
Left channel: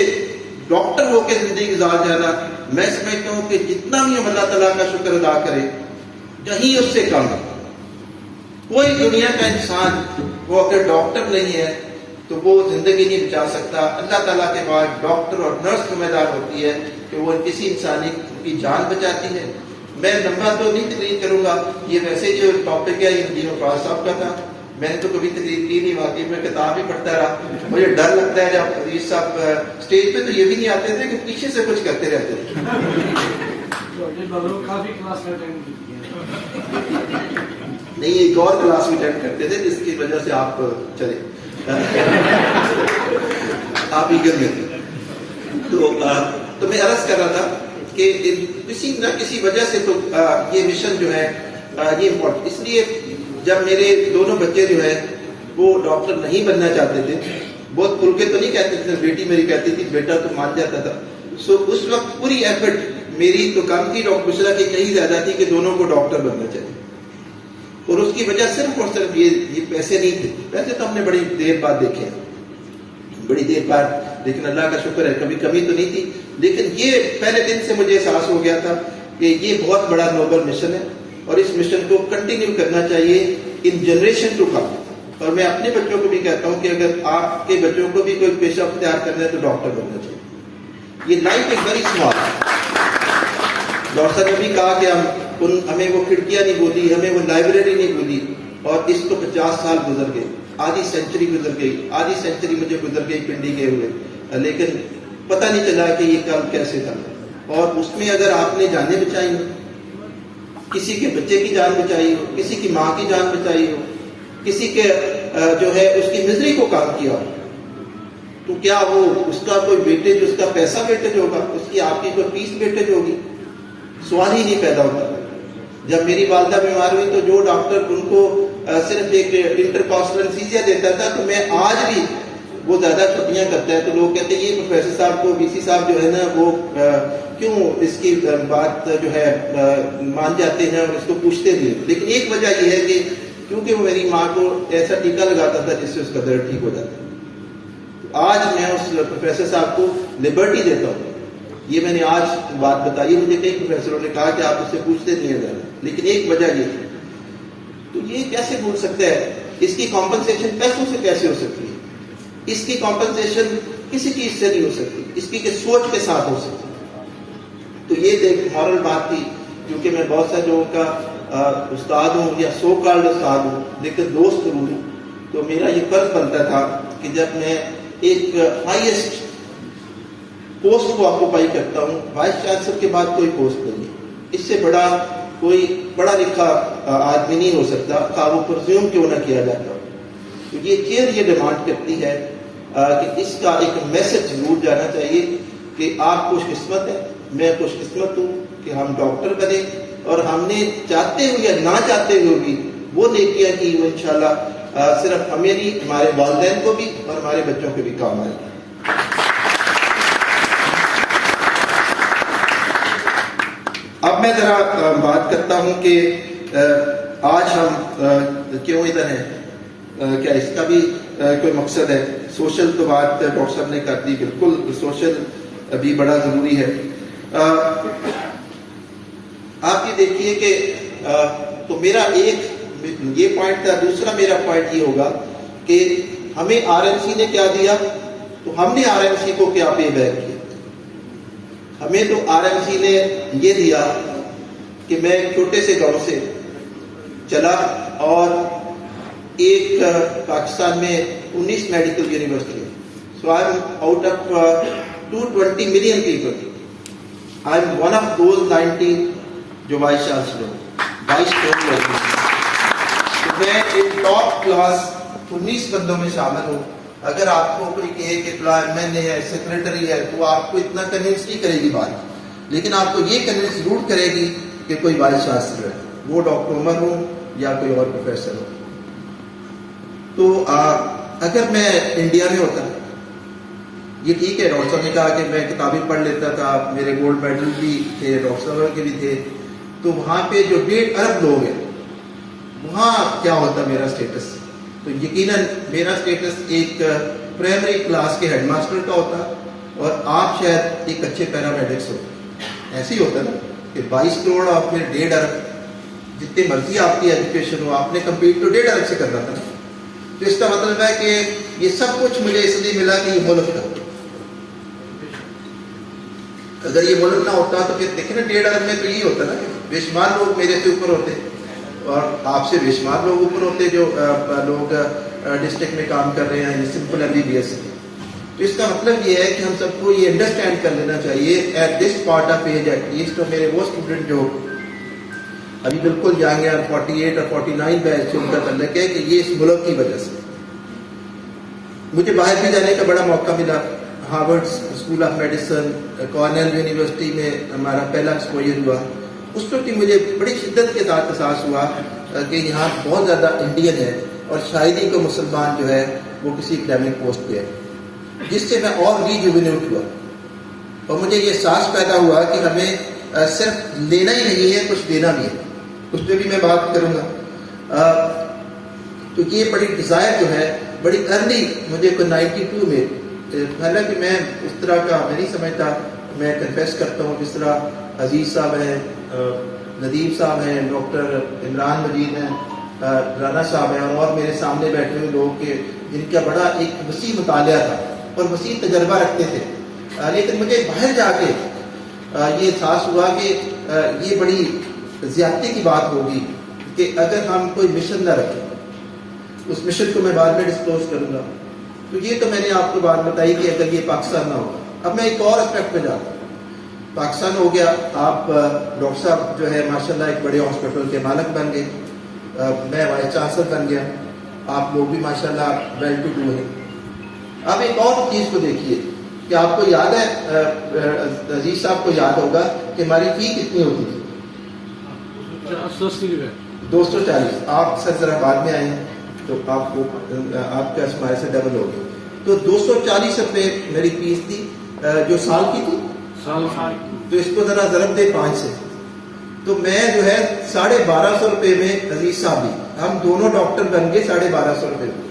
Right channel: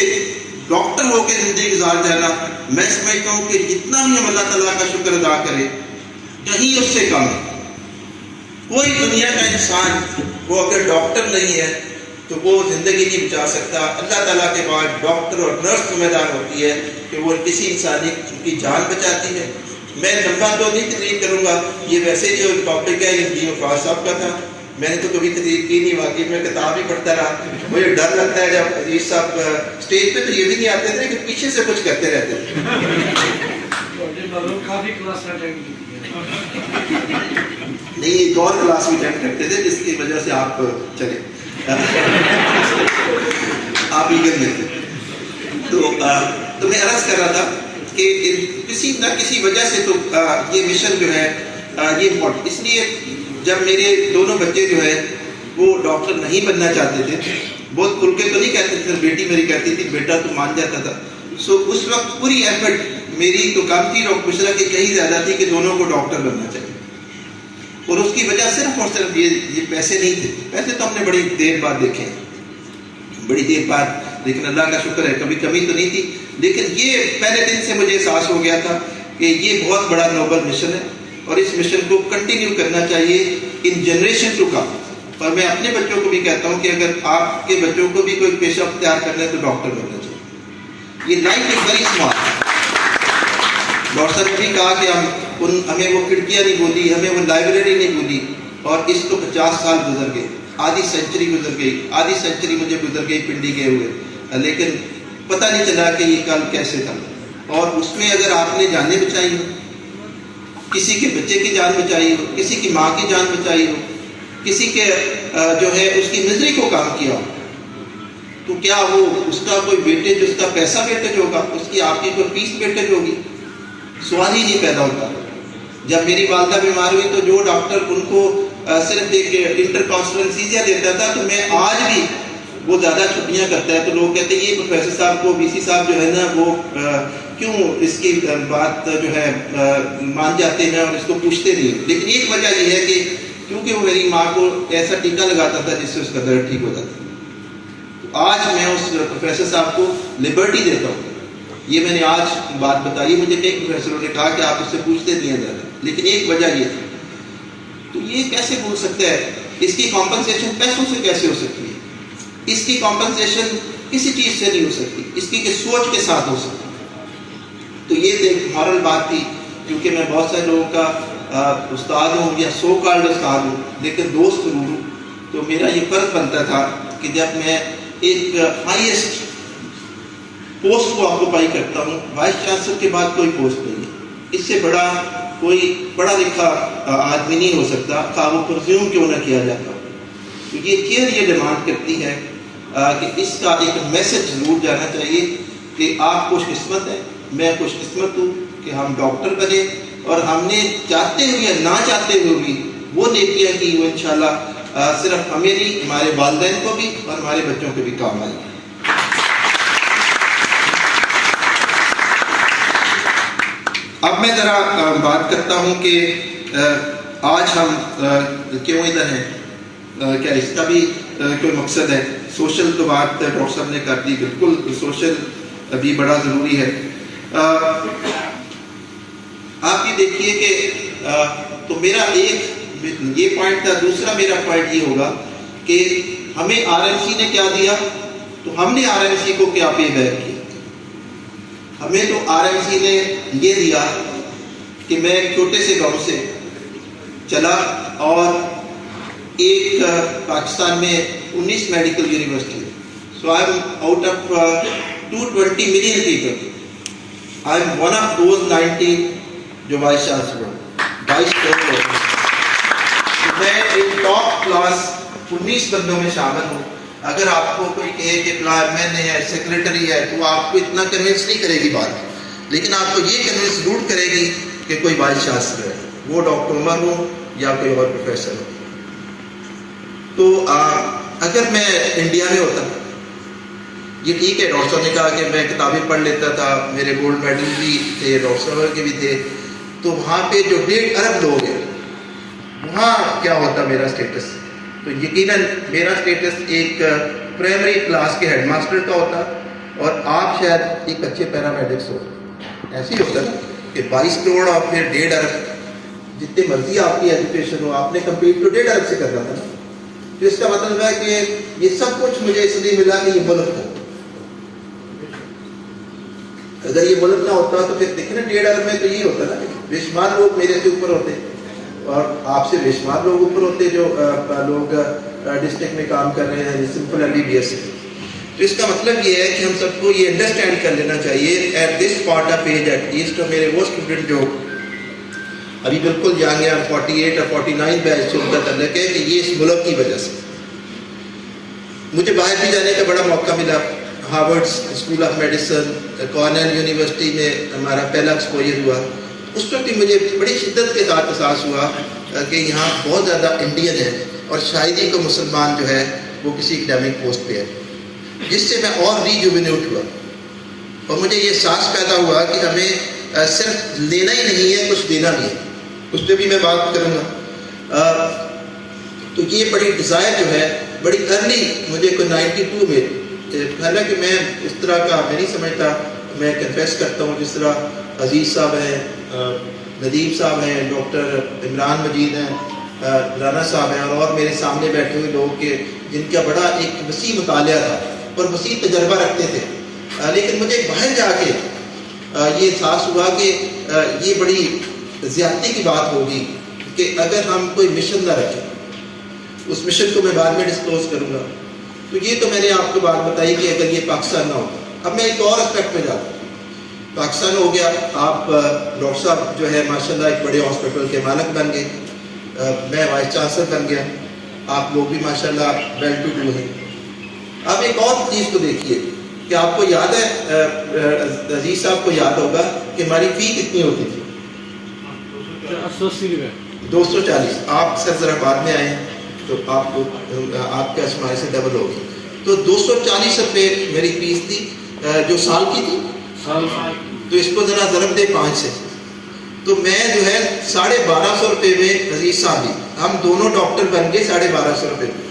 ڈاکٹر ہو کے زندگی گزار جانا میں سمجھتا ہوں کہ جتنا بھی ہم اللہ تعالیٰ کا شکر ادا کریں کہیں اس سے کم ہے. کوئی دنیا کا انسان وہ اگر ڈاکٹر نہیں ہے تو وہ زندگی نہیں بچا سکتا. اللہ تعالیٰ کے بعد ڈاکٹر اور نرس ذمہ دار ہوتی ہے کہ وہ کسی انسانی کی جان بچاتی ہے. میں لمبا تو نہیں تقریر کروں گا, یہ ویسے جو ٹاپک ہے یہ وقاص صاحب کا تھا, میں نے تو کبھی تقریر کی نہیں, واقعی میں کتاب ہی پڑھتا رہا. مجھے ڈر لگتا ہے جب عزیز صاحب اسٹیج پہ تو یہ بھی نہیں آتے تھے کہ پیچھے سے کچھ کرتے رہتے تھے. کافی کلاس اٹینڈ نہیں, ایک اور کلاس بھی اٹینڈ کرتے تھے جس کی وجہ سے آپ چلے آپ ہی کر لیتے. تو میں عرض کر رہا تھا کہ کسی نہ کسی وجہ سے تو یہ مشن جو ہے یہ امپورٹنٹ. اس لیے جب میرے دونوں بچے جو ہیں وہ ڈاکٹر نہیں بننا چاہتے تھے, بہت کھل کے تو نہیں کہتے تھے, بیٹی میری کہتی تھی بیٹا تو مان جاتا تھا. سو اس وقت پوری ایفرٹ میری تو کام کی ڈاکٹر بشرا کی یہی زیادہ تھی کہ دونوں کو ڈاکٹر بننا چاہیے. اور اس کی وجہ صرف اور صرف یہ پیسے نہیں تھے. پیسے تو ہم نے بڑی دیر بعد دیکھے, بڑی دیر بعد, لیکن اللہ کا شکر ہے کبھی کمی تو نہیں تھی. لیکن یہ پہلے دن سے مجھے احساس ہو گیا تھا کہ یہ بہت بڑا نوبل مشن ہے اور اس مشن کو کنٹینیو کرنا چاہیے ان جنریشن ٹو کم. اور میں اپنے بچوں کو بھی کہتا ہوں کہ اگر آپ کے بچوں کو بھی کوئی پیشہ اختیار کرنا ہے تو ڈاکٹر بننا چاہیے. یہ life is very smart. Doctor صاحب نے بھی کہا کہ ہمیں وہ کھڑکیاں نہیں بولی, ہمیں وہ لائبریری نہیں بولی, اور اس کو 50 سال گزر گئے, آدھی سینچری گزر گئی, آدھی سینچری مجھے گزر گئی پنڈی گئے ہوئے, لیکن پتہ نہیں چلا کہ یہ کل کیسے تھا. اور اس میں اگر آپ نے جانیں بچائی ہو, کسی کے بچے کی جان بچائی ہو, کسی کی ماں کی جان بچائی ہو, کسی کے جو ہے اس کی مزری کو کام کیا ہو, تو کیا وہ اس کا کوئی بیٹے جو اس کا پیسہ ویٹیج ہوگا, اس کی آپ کی کوئی فیس ویٹیج ہوگی؟ سوال ہی نہیں پیدا ہوتا. جب میری والدہ بیمار ہوئی تو جو ڈاکٹر ان کو صرف ایک انٹرکاسٹل انسیزیا دیتا تھا, تو میں آج بھی وہ زیادہ چھٹیاں کرتا ہے تو لوگ کہتے ہیں یہ پروفیسر صاحب کو وی سی صاحب جو ہے نا وہ کیوں اس کی بات جو ہے مان جاتے ہیں اور اس کو پوچھتے نہیں. لیکن ایک وجہ یہ ہے کہ کیونکہ وہ میری ماں کو ایسا ٹیکا لگاتا تھا جس سے اس کا درد ٹھیک ہو جاتا. آج میں اس پروفیسر صاحب کو لبرٹی دیتا ہوں. یہ میں نے آج بات بتائی, مجھے کئی پروفیسروں نے کہا کہ آپ اس سے پوچھتے نہیں ہیں زیادہ, لیکن ایک وجہ یہ تھی. تو یہ کیسے بول سکتا ہے, اس کی کمپنسیشن پیسوں سے کیسے ہو سکتی ہے؟ اس کی کمپنسیشن کسی چیز سے نہیں ہو سکتی, اس کی سوچ کے ساتھ ہو سکتی. تو یہ ایک مورل بات تھی, کیونکہ میں بہت سارے لوگوں کا استاد ہوں یا سو کالڈ استاد ہوں, لیکن دوست ضرور ہوں. تو میرا یہ فرض بنتا تھا کہ جب میں ایک ہائیسٹ پوسٹ کو آکوپائی کرتا ہوں, وائس چانسلر کے بعد کوئی پوسٹ نہیں ہے, اس سے بڑا کوئی پڑھا لکھا آدمی نہیں ہو سکتا, کا وہ پرزیوم کیوں نہ کیا جاتا. تو یہ چیئر یہ ڈیمانڈ کرتی ہے کہ اس کا ایک میسج ضرور جانا چاہیے کہ آپ خوش قسمت ہیں, میں خوش قسمت ہوں کہ ہم ڈاکٹر بنے, اور ہم نے چاہتے ہوئے یا نہ چاہتے ہوئے بھی وہ نیکیاں کی وہ انشاءاللہ صرف ہمیں نہیں, ہمارے والدین کو بھی اور ہمارے بچوں کو بھی کام آئے. اب میں ذرا بات کرتا ہوں کہ آج ہم کیوں ادھر ہیں, کیا اس کا بھی کوئی مقصد ہے. سوشل تو بات ڈاکٹر صاحب نے کر دی, بالکل سوشل بھی بڑا ضروری ہے. آپ یہ دیکھیے کہ تو میرا ایک یہ پوائنٹ تھا. دوسرا میرا پوائنٹ یہ ہوگا کہ ہمیں آر ایم سی نے کیا دیا, تو ہم نے آر ایم سی کو کیا پے بیک کیا. ہمیں تو آر ایم سی نے یہ دیا کہ میں ایک چھوٹے سے گاؤں سے چلا اور ایک پاکستان میں 19 میڈیکل یونیورسٹی ہے. So I am out of 220 million people, I am one of those 90 جو وائس چانسلر 22 میں ایک ٹاپ کلاس 19 بندوں میں شامل ہوں. اگر آپ کو کوئی کہے کہ فلاں ایم این اے ہے, سیکریٹری ہے, تو آپ کو اتنا کنونس نہیں کرے گی بات, لیکن آپ کو یہ کنونس ضرور کرے گی کہ کوئی وائس چانسلر ہے, وہ ڈاکٹر عمر ہو یا کوئی اور پروفیسر ہو. تو اگر میں انڈیا میں ہوتا یہ ٹھیک ہے، ڈاکٹر صاحب نے کہا کہ میں کتابیں پڑھ لیتا تھا، میرے گولڈ میڈل بھی تھے، ڈاکٹر صاحب کے بھی تھے، تو وہاں پہ جو 1.5 ارب لوگ ہیں وہاں کیا ہوتا میرا اسٹیٹس؟ تو یقیناً میرا اسٹیٹس ایک پرائمری کلاس کے ہیڈ ماسٹر کا ہوتا، اور آپ شاید ایک اچھے پیرامیڈکس ہو. ایسے ہی ہوتا نا کہ 22 کروڑ اور پھر 1.5 ارب، جتنے مرضی آپ کی ایجوکیشن ہو، آپ نے کمپلیٹ تو 1.5 ارب سے کرنا تھا. تو اس کا مطلب ہے کہ یہ سب کچھ مجھے اس لیے ملا کہ یہ ملک تھا. اگر یہ ملک نہ ہوتا تو پھر دیکھیں نا 1.5 ارب میں تو یہی ہوتا نا کہ بے شمار لوگ میرے سے اوپر ہوتے، اور آپ سے بے شمار لوگ اوپر ہوتے جو لوگ ڈسٹرکٹ میں کام کر رہے ہیں سمپل MBBS سے. تو اس کا مطلب یہ ہے کہ ہم سب کو یہ انڈرسٹینڈ کر لینا چاہیے at this part of age at least. اور میرے وہ اسٹوڈنٹ جو ابھی بالکل ینگ ہیں 48 اور 49 بیچ سے ان کا تعلق ہے کہ یہ اس ملک کی وجہ سے. مجھے باہر بھی جانے کا بڑا موقع ملا. Harvard school of medicine, Cornell university میں ہمارا پہلا ایکسپوجر ہوا. اس وقت بھی مجھے بڑی شدت کے ساتھ احساس ہوا کہ یہاں بہت زیادہ انڈین ہے، اور شاید ہی کو مسلمان جو ہے وہ کسی اکیڈمک پوسٹ پہ ہے، جس سے میں اور ریجوینیٹ ہوا. اور مجھے یہ احساس پیدا ہوا کہ ہمیں صرف لینا ہی نہیں ہے، کچھ دینا بھی ہے. اس پہ بھی میں بات کروں گا. تو یہ بڑی ڈیزائر جو ہے بڑی ارلی مجھے کوئی 92 میں، حالانکہ میں اس طرح کا میں نہیں سمجھتا، میں کنفیس کرتا ہوں جس طرح عزیز صاحب ہیں، ندیم صاحب ہیں، ڈاکٹر عمران مجید ہیں، رانا صاحب ہیں، اور میرے سامنے بیٹھے ہوئے لوگ کے جن کا بڑا ایک وسیع مطالعہ تھا اور وسیع تجربہ رکھتے تھے. لیکن مجھے باہر جا کے یہ احساس ہوا کہ یہ بڑی زیادتی کی بات ہوگی کہ اگر ہم کوئی مشن نہ رکھیں. اس مشن کو میں بعد میں ڈسکلوز کروں گا. تو یہ تو میں نے آپ کو بات بتائی کہ اگر یہ پاکستان نہ ہو. اب میں ایک اور اسپیکٹ پہ جاتا ہوں. پاکستان ہو گیا، آپ ڈاکٹر صاحب جو ہے ماشاءاللہ ایک بڑے ہاسپٹل کے مالک بن گئے، میں وائس چانسلر بن گیا، آپ لوگ بھی ماشاءاللہ ویل ٹو ڈو ہیں. آپ ایک اور چیز کو دیکھیے کہ آپ کو یاد ہے، عزیز صاحب کو یاد ہوگا کہ ہماری فی کتنی ہوتی تھی؟ 240. آپ سر ذرا بعد میں آئے ہیں تو آپ کو آپ کا ہمارے سے ڈبل ہوگی. تو 240 روپے میری فیس تھی جو سال کی تھی. تو اس کو ذرا ضرب دے 5 سے، تو میں جو ہے 1250 روپے میں عزیز صاحب بھی ہم دونوں ڈاکٹر بن گئے 1250 روپے میں.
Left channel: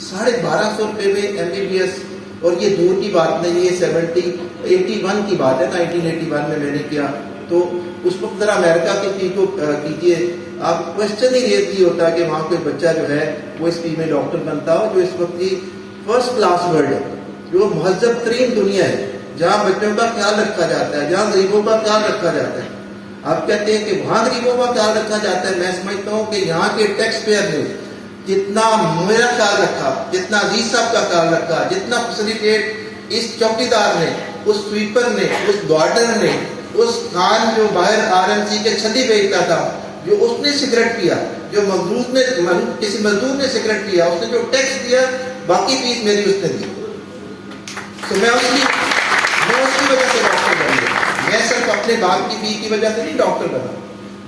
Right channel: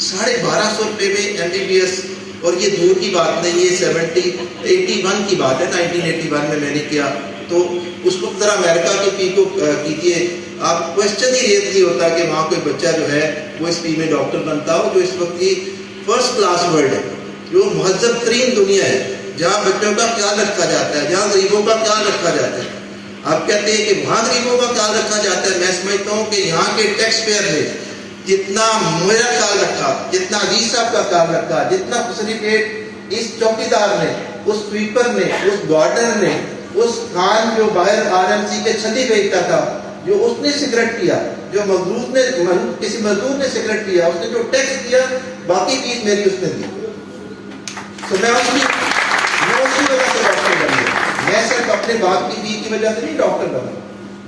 1250 روپے میں MBBS. اور یہ دور کی بات نہیں، یہ 81 کی بات ہے. 1981 میں نے کیا. تو اس وقت ذرا امریکہ کی فی کو کیجیے. آپ کوشچن ہی ریز نہیں ہوتا کہ وہاں کوئی بچہ جو ہے وہ اس فی میں ڈاکٹر بنتا ہو، جو اس وقت کی فرسٹ کلاس ورلڈ ہے، جو مہذب ترین دنیا ہے، جہاں بچوں کا خیال رکھا جاتا ہے، جہاں غریبوں کا خیال رکھا جاتا ہے. آپ کہتے ہیں کہ وہاں غریبوں کا خیال رکھا جاتا ہے. میں سمجھتا ہوں کہ یہاں کے ٹیکس پیئر نے جتنا میرا خیال رکھا، جتنا عزیز صاحب کا خیال رکھا، جتنا فیسلیٹیٹ اس چوکیدار نے، اس سویپر نے، اس گارڈنر نے، اس خان جو باہر RMC کے چھتی بیچتا تھا، جو اس نے سگریٹ پیا، جو مزدور نے کسی مزدور نے سگریٹ پیا، اس نے جو ٹیکس دیا، باقی فیس میری اس نے دی. تو میں اس کی وجہ سے ڈاکٹر بن گیا. میں صرف اپنے باپ کی فی کی وجہ سے نہیں ڈاکٹر بنا.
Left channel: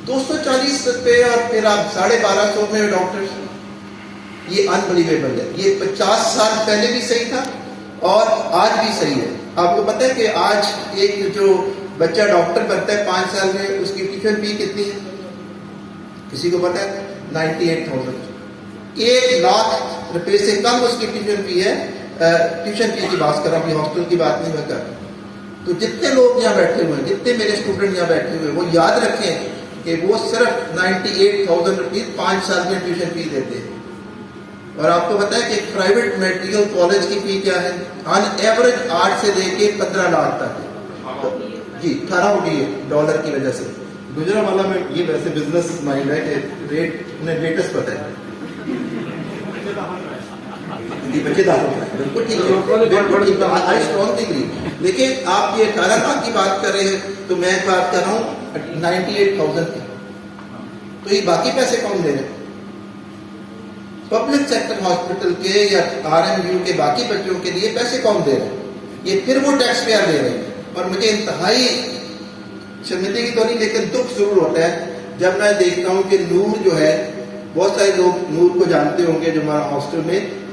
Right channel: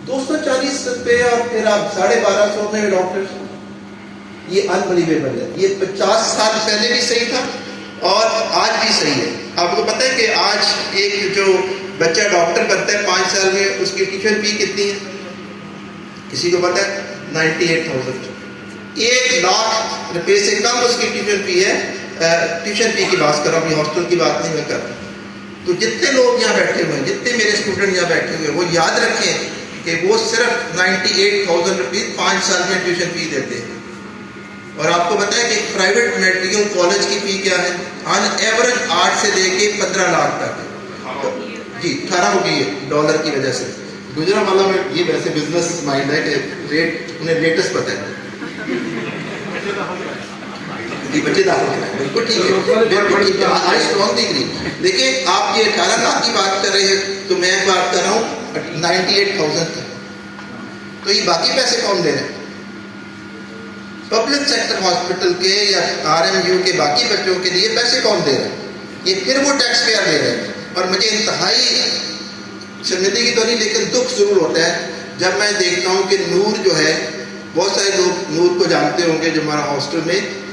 240 روپے اور پھر آپ 1250 میں ڈاکٹر. یہ انبلیویبل ہے. یہ 50 سال پہلے بھی صحیح تھا اور آج بھی صحیح ہے. آپ کو پتہ ہے کہ آج ایک جو بچہ ڈاکٹر بنتا ہے 5 سال میں، اس کی ٹیوشن فی کتنی ہے؟ کسی کو پتہ ہے؟ 98,000. 1 لاکھ روپے سے کم اس کی ٹیوشن فی ہے. ٹیوشن فی کی بات کر رہا ہوں، یہ ہاسٹل کی بات نہیں میں کر رہا. تو جتنے لوگ یہاں بیٹھے ہوئے ہیں، جتنے میرے اسٹوڈنٹ یہاں بیٹھے ہوئے ہیں، وہ یاد رکھیں کہ وہ صرف 98,000 روپیز 5 سال میں ٹیوشن فی دیتے ہیں. اور آپ کو پتا ہے کہ ایک پرائیویٹ میڈیکل کالج کی فی کیا ہے؟ آن ایوریج 8 سے لے کے 15 لاکھ تک. جی 18 ہو گئی ہے ڈالر کی وجہ سے. گجرا والا میں یہ ویسے بزنس مائنڈ ہے کہ ریٹ انہیں لیٹسٹ پتہ ہے. جی بچے داخل کرائیں، بالکل ٹھیک ہے، آئی اسٹرانگلی اگری. دیکھیں آپ یہ 18 لاکھ کی بات کر رہے ہیں، تو میں بات کر رہا ہوں 98,000 کی. تو یہ باقی پیسے کون دے رہے ہیں؟ پبلک سیکٹر ہاسپٹل کے یا RMU کے باقی بچوں کے لیے پیسے کون دے رہے ہیں؟ یہ پھر وہ ٹیکس پیئر دے رہے ہیں. اور مجھے انتہائی شرمندگی تو نہیں لیکن دکھ ضرور ہوتا ہے جب میں دیکھتا ہوں کہ نور جو ہے، بہت سارے لوگ نور کو جانتے ہوں گے جو ہمارا ہاسٹل میں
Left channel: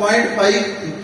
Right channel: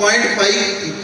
0.5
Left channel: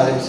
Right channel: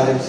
RMC,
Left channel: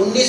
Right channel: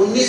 19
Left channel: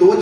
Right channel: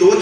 2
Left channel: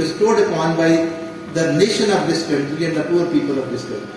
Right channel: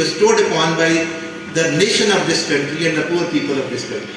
bestowed upon by the nation of this country and the poor people of this country,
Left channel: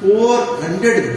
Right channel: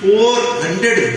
$400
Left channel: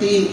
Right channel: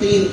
3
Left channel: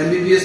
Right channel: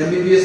MBBS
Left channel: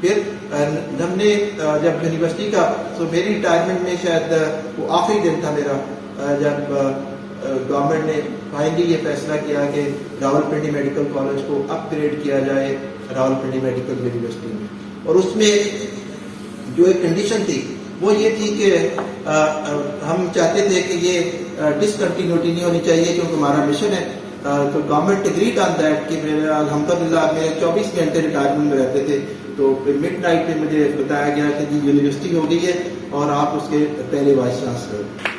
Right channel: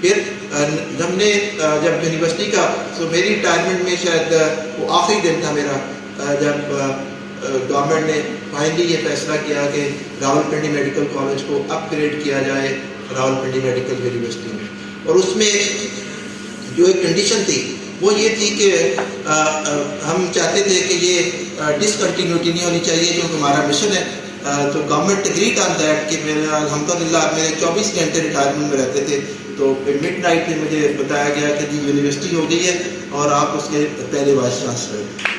پھر ہم نے جب یونیورسٹی کا میری ریٹائرمنٹ میں شاید وہ آخری دن تھا میرا جب گورنمنٹ نے فائنلی یہ فیصلہ کیا کہ راولپنڈی میڈیکل کالج کو اپ گریڈ کیا جائے راولپنڈی میڈیکل یونیورسٹی میں. اور اس میں جو ایک کنڈیشن تھی وہ یہ تھی کہ ہم چاہتے تھے کہ یہ ڈسکنٹینیوٹی نہیں ہونی چاہیے جو ہمارا مشن ہے. تو گورنمنٹ اگریڈ آن دیٹ کہ الحمدللہ میرے 24 گھنٹے ریٹائرمنٹ میں رہتے تھے. تو مڈ نائٹ میں مجھے بتایا گیا کہ جی یونیورسٹی ہو گئی ہے اور آپ اس کے پہلے وائس چانسلر ہیں.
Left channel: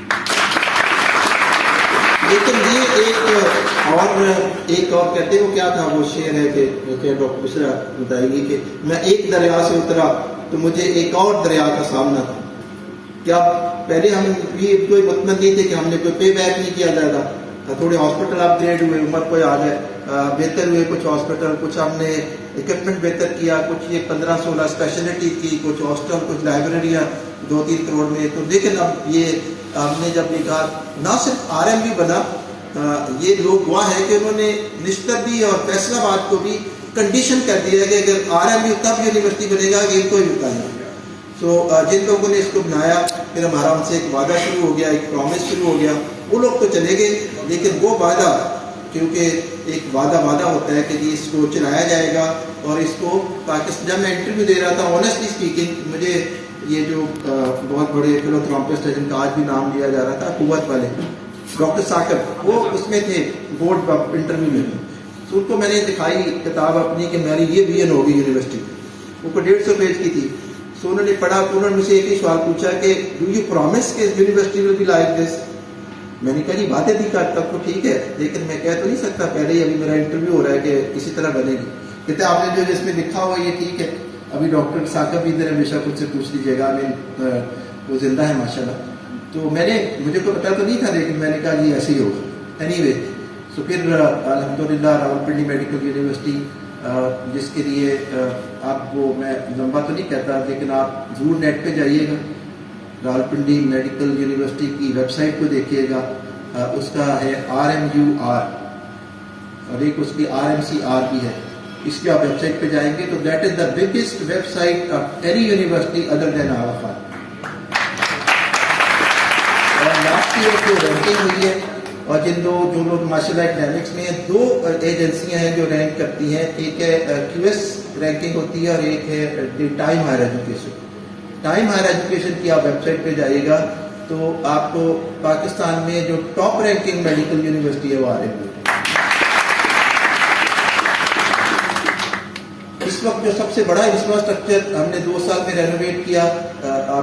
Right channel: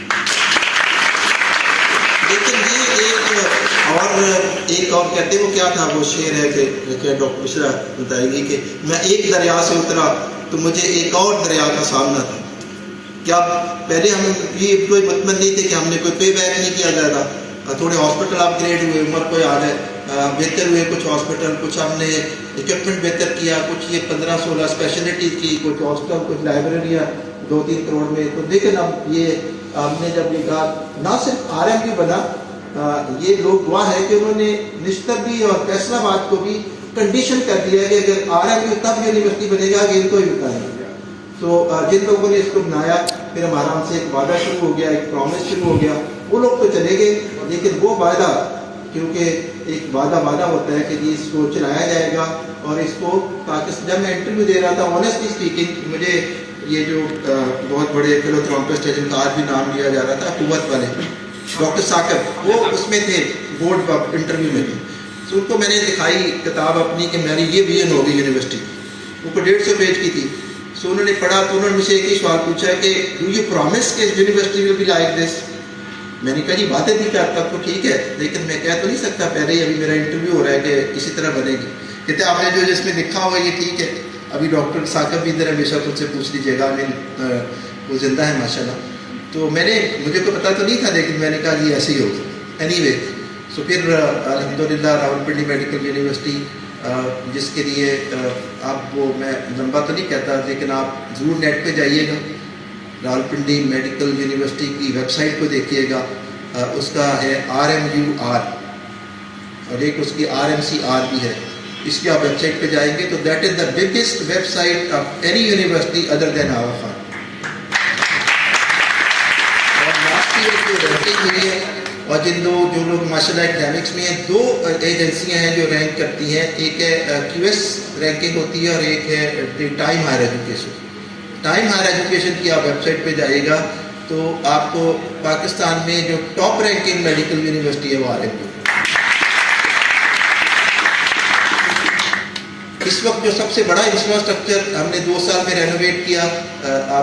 لیکن یہ ایک اور کہتے ہو کیا تھا وہ شعر ہے کہ ڈاکٹر مشرا بتائیں گی کہ میں ایک دریا سے اترا تو مجھے ایک اور دریا کا سامنا تھا. کیا پہلے ہم یہ کوئی مطمئن نہیں تھے کہ ہم نے کوئی پے بیک نہیں کیا زیادہ. تھوڑے ہاسپٹل اپ گریڈ ہوئے, عمر کو یاد ہے, بہتر ہوئے کچھ ہاسپٹل, کچھ ہم نے اکوپمنٹ بہتر کیا, کچھ یہ 15-16 اسپیشلٹی کی, کچھ ہاسٹل, کچھ لائبریریاں 2-3 کروڑ میں. تو لیکن اب یہ ہم نے جب یہ کہا نہ صرف RMU بنا, یہ لوگ گواہ ہے کہ انہوں نے نشتر بھی اور فیصل آباد کو بھی کنڈیشن کر دیا ہے کہ اگر RMU تب یونیورسٹی بنے گا کہ ان کو ہی بتائیں گے. تو جن لوگوں نے اس کو بنایا پھر ہمارا ان سے ایک وعدہ شروع ہو گیا, ایک پرومس شروع ہو گیا. وہ لوگ تو چلے گئے لیکن وہ وعدہ, کیونکہ ایک وعدہ ہوتا ہے کہ جی اس کو چلایا جائے گا اور اس کو, تاکہ جب میں انٹرویو دے رہا تھا آنیسٹلی اسپیکنگ مجھے یہ جو بہت بڑے فلوتھراپسٹ ہیں جن کا آج بھی نام لیا جا رہا تھا, قوت والے ڈاکٹر ثاقب, وہ اس میں تھے بورڈ انٹرویو میں. تو ان کو میں نے دکھائی کتاب اپنی کہ میری یہ ویژن ہوگی یونیورسٹی, وہ کو 150 پیج کی تھی. سو انہوں نے پڑھا تو انہوں نے مجھ سے ایک ہی سوال پوچھا کہ ڈو یو پرومس کہ university will be like this. میں نے کہا جی باتیں بھی کرتا تو ٹھیک ہے لیکن میں کہہ تو نہیں سکتا, پہلے ہی ابھی میرا انٹرویو ہو رہا ہے کہ کسی طرح بنے گی. کہتے آپ نے جو جس میں لکھا ہوا یہ ٹھیک ہے. ابھی ڈاکٹر ثاقب بھی ادھر ہمیشہ خود سے پوچھ لیجیے گا, وہ زندہ ہے ماشاء اللہ. تو مجھے کو پتا تو نہیں تھا لیکن میں نے کہا جی ایسے ہی ہوگا. اینی وے سو پھر الحمدللہ راولپنڈی میڈیکل یونیورسٹی جس کے لیے آپ وہ میں لمبا تو نہیں کہتا لیکن آپ ضرور نیٹ پہ جائیے گا, راولپنڈی میڈیکل یونیورسٹی کی ویب سائٹ کو دیکھیے گا. اس کا ہے RMUR اور ایک اس کی RMCR بھی ہے. اس کی آپ ویب سائٹ پہ جائیں گے تو that is the biggest website of any university other than our Khan. اور لاسٹ ایئر کی رینکنگ ہوئی ہے اور جو لوگ ماشاء اللہ اکیڈمکس میں ہیں, 2 ایجنسیاں ہیں جو رینک کرتی ہیں. ایک ہے QS رینکنگ ہوتی ہے اور ایک ہے time higher education. Time higher education کی آپ ویب سائٹ پہ جائیے گا تو آپ کو پاکستان میں جو ٹاپ رینکنگ میڈیکل یونیورسٹی ہے وہ RMU. اس وقت جو سب سے بڑا انفراسٹرکچر ہم نے 2 سال میں رینوویٹ کیا,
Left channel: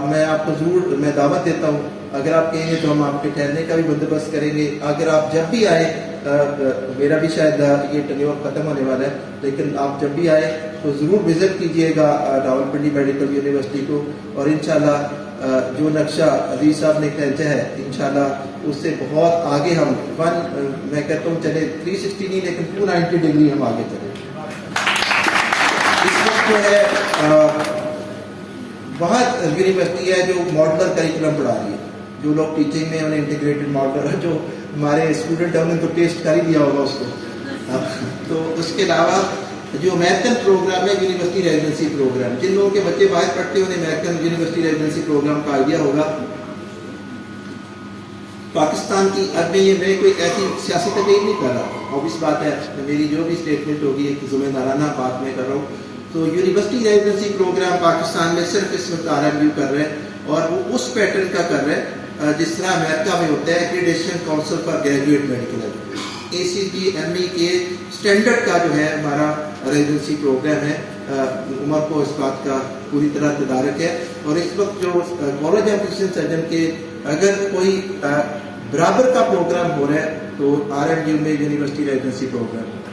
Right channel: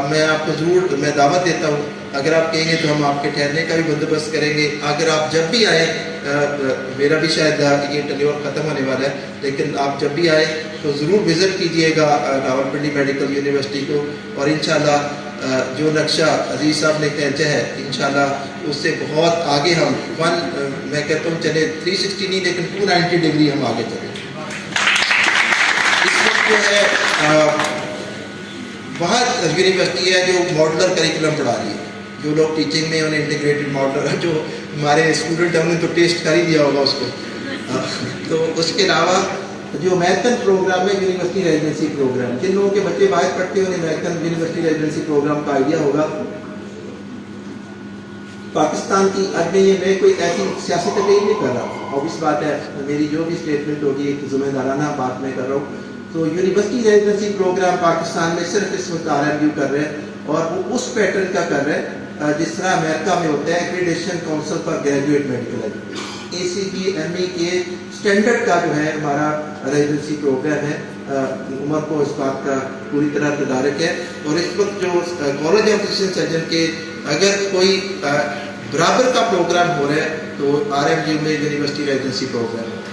میں آپ کو ضرور میں دعوت دیتا ہوں, اگر آپ کہیں گے تو ہم آپ کے ٹھہرنے کا بھی بندوبست کریں گے. اگر آپ جب بھی آئیں, میرا بھی شاید یہ ٹینیور ختم ہونے والا ہے لیکن آپ جب بھی آئیں تو ضرور وزٹ کیجئے گا راولپنڈی میڈیکل یونیورسٹی کو. اور انشاءاللہ جو نقشہ عزیز صاحب نے کھینچا ہے انشاءاللہ اس سے بہت آگے ہم میں کہتا ہوں چلے 360 نہیں لیکن 290 ڈگری ہم آگے چلیں. اس وقت جو ہے وہاں یونیورسٹی ہے جو ماڈلر کریکولم پڑھا رہی ہے. جو لوگ ٹیچنگ میں انہیں انٹیگریٹڈ ماڈلر, جو ہمارے اسٹوڈنٹ ہیں انہیں تو ٹیسٹ کر ہی دیا ہوگا اس کو. تو اس کے علاوہ جو امیرکن پروگرام ہے یونیورسٹی ریزیڈنسی پروگرام, جن لوگوں کے بچے باہر پڑھتے ہیں انہیں امیرکن یونیورسٹی ریزیڈنسی پروگرام کا آئیڈیا ہوگا. پاکستان کی میں کوئی ایسی سیاسی تقریر نہیں کر رہا, obvious بات ہے میری جو بھی اسٹیٹمنٹ ہوگی ایک ذمہ دارانہ بات میں کر رہا ہوں. تو یونیورسٹی ریزیڈنسی پروگرام پاکستان میں صرف اس وقت RMU کر رہے ہیں اور وہ اس پیٹرن کا کر رہے ہیں جس طرح امریکہ میں ہوتا ہے accreditation council for graduate medical education, ACGME کے اسٹینڈرڈ کا جو ہے ہمارا ریزیڈنسی پروگرام ہے. عمر کو اس بات کا پوری طرح تدارک ہے. اور اس وقت جو کالج آف فزیشین سرجن کے اگر کوئی برابر کا پروگرام ہو رہا ہے تو RMU میں یونیورسٹی ریزیڈنسی پروگرام ہے.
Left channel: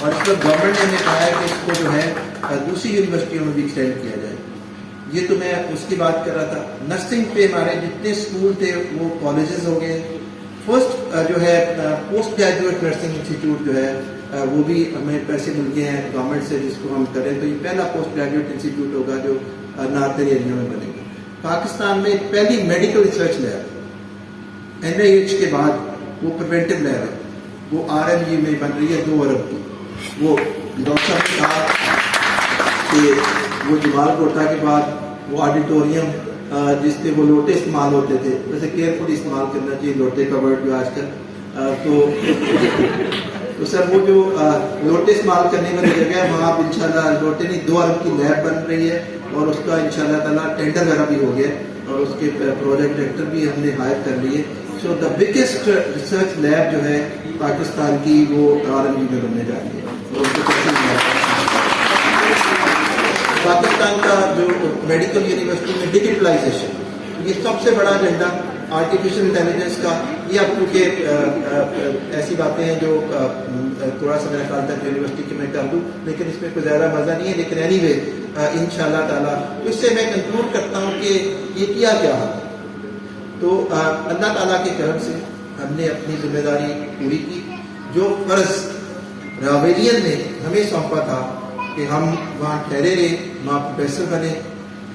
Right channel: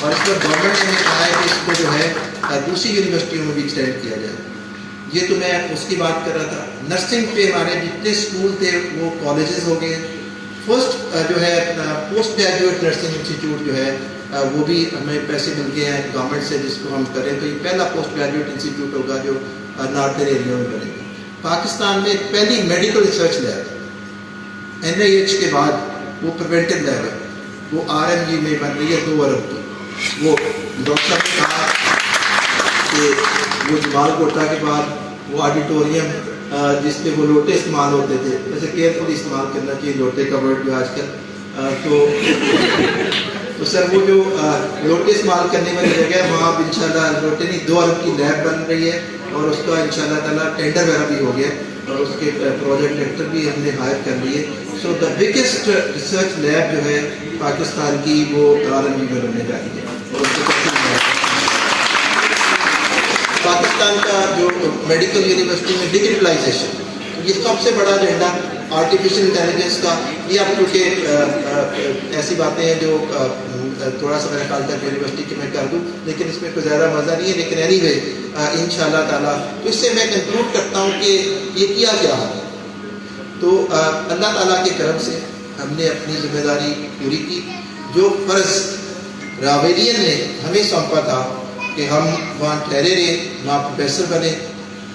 اور اس وقت گورنمنٹ نے ہمیں کہا ہے کہ اس کو جو ہے دوسری یونیورسٹیوں میں بھی ایکسٹینڈ کیا جائے. یہ تو میں اس کی بات کر رہا تھا. نرسنگ پہ ہمارے جتنے اسکول تھے وہ کالجز ہو گئے. فرسٹ جو ہے پوسٹ گریجویٹ نرسنگ انسٹیٹیوٹ جو ہے وہ بھی ہمیں پیسے مل گئے ہیں گورنمنٹ سے جس کو ہم کریں تو یہ پہلا پوسٹ گریجویٹ انسٹیٹیوٹ ہوگا جو ناردرن ایریا میں بنے گا. پاکستان میں پہلی میڈیکل ریسرچ لیب NIH کے بعد وہ پریونٹیو لیب ہے, وہ RMU میں بن رہی ہے 2 ارب کی. وہ ڈاکٹر صاحب نے کہا کہ کہ وہ جمال کوٹا کے بعد وہ آڈیٹوریم جس میں وہ لوٹے استعمال ہوتے تھے، ویسے کیئرفلی استعمال کرنا چاہیے لوٹے کا ورڈ جو آج کل، تو سر وہ جو لوٹے استعمال کرنے والی جگہ ہے وہاں انشاءاللہ لوٹے نہیں 2 ارب کی لیب بن رہی ہے، اور اس کا انشاءاللہ تعالیٰ ٹینڈر وغیرہ بھی ہو گیا، اور اس کے پروجیکٹ ڈائریکٹر بھی ہم نے ہائر کر لیے. سو دا بگیسٹ ریسرچ لیب جو ہے پاکستان کی وہ RMU میں بننے جا رہی ہے. اور اس کو پاکستان کا جو میڈیکل یونیورسٹی میں ڈیجیٹلائزیشن، یہ سب سے بڑا ایجنڈا آرٹیفیشیل انٹیلیجنس کا. یہ اب کیونکہ ایسی باتیں ہیں جو تھوڑا سا میرا خیال تھا یونیورسٹی کے میں کر دوں، لیکن اس میں کوئی زیادہ مزہ نہیں ہے، لیکن اینی وے انشاءاللہ تعالیٰ تو اس سے میں کنکلوڈ کرتا ہوں کہ یہ کیا ہو. تو اللہ تعالیٰ کے کرم سے ہم نے اپنی ذمہ داری پوری کی. جو فرض راویلین نے ہمیں سونپا تھا کہ ہم وہاں ٹھہرے رہے، وہاں پروفیسر بنے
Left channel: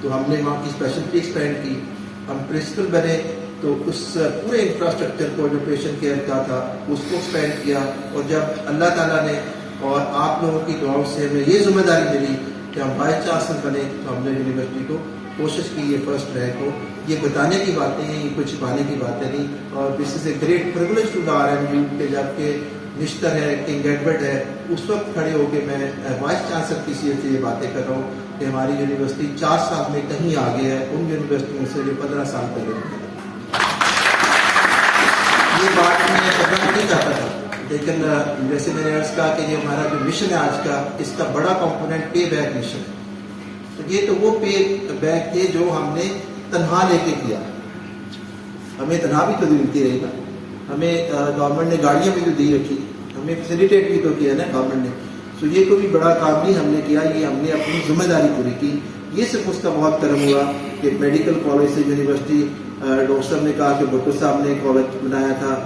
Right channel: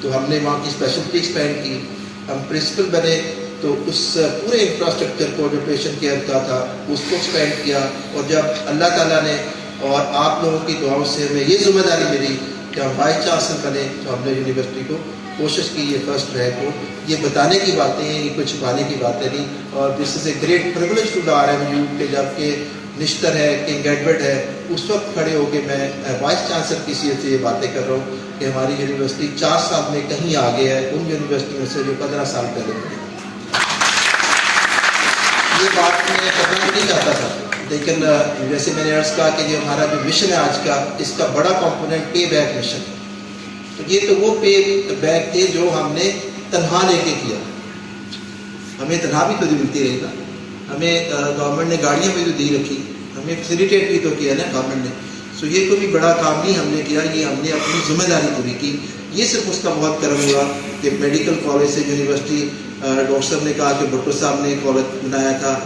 تو ہم نے وہاں کی اسپیشلٹی ایکسپینڈ کی، ہم پرنسپل بنے تو اس پورے انفراسٹرکچر کو جو پیشنٹ کیئر کا تھا اس کو ایکسپینڈ کیا. اور جب اللہ تعالیٰ نے اور آپ لوگوں کی دعاؤں سے ہمیں یہ ذمہ داری ملی کہ ہم وائس چانسلر بنے تو ہم نے یونیورسٹی کو کوشش کی یہ فرسٹ رینک ہو. یہ بتانے کی باتیں ہیں، یہ کچھ چھپانے کی باتیں نہیں. اور this is a great privilege to the RMU کہ جب کہ نشتر ہے، کنگ ایڈورڈ ہے، اس وقت کھڑے ہو کے میں وائس چانسلر کی حیثیت سے یہ باتیں کر رہا ہوں کہ ہماری یونیورسٹی 4 سال میں کہیں آگے ہے ان یونیورسٹیوں سے جو 15 سال پہلے تھی. یہ بات میں کرنا نہیں چاہتا تھا، لیکن جیسے میں نے عرض کہا کہ یہ ہمارا جو مشن ہے آج کا، اس کا بڑا کمپوننٹ پے بیک مشن. تو یہ تو وہ پے بیک تھے جو ہم نے تنہا لے کے کیا. ہمیں تنہا بھی تو ملتی رہی نا، ہمیں گورنمنٹ نے گاڑیاں بھی تو دی رکھی، ہمیں فیسیلیٹیٹ بھی تو کیا نا گورنمنٹ نے. سو یہ کوئی بھی بڑا کام نہیں ہم نے کیا، یہ ہم نے اپنی ذمہ داری پوری کی. یہ صرف اس کا بہت کرم ہوا کہ میڈیکل کالج سے یونیورسٹی، ڈاکٹر صاحب نے کہا کہ بھٹو صاحب نے کالج بنایا تھا،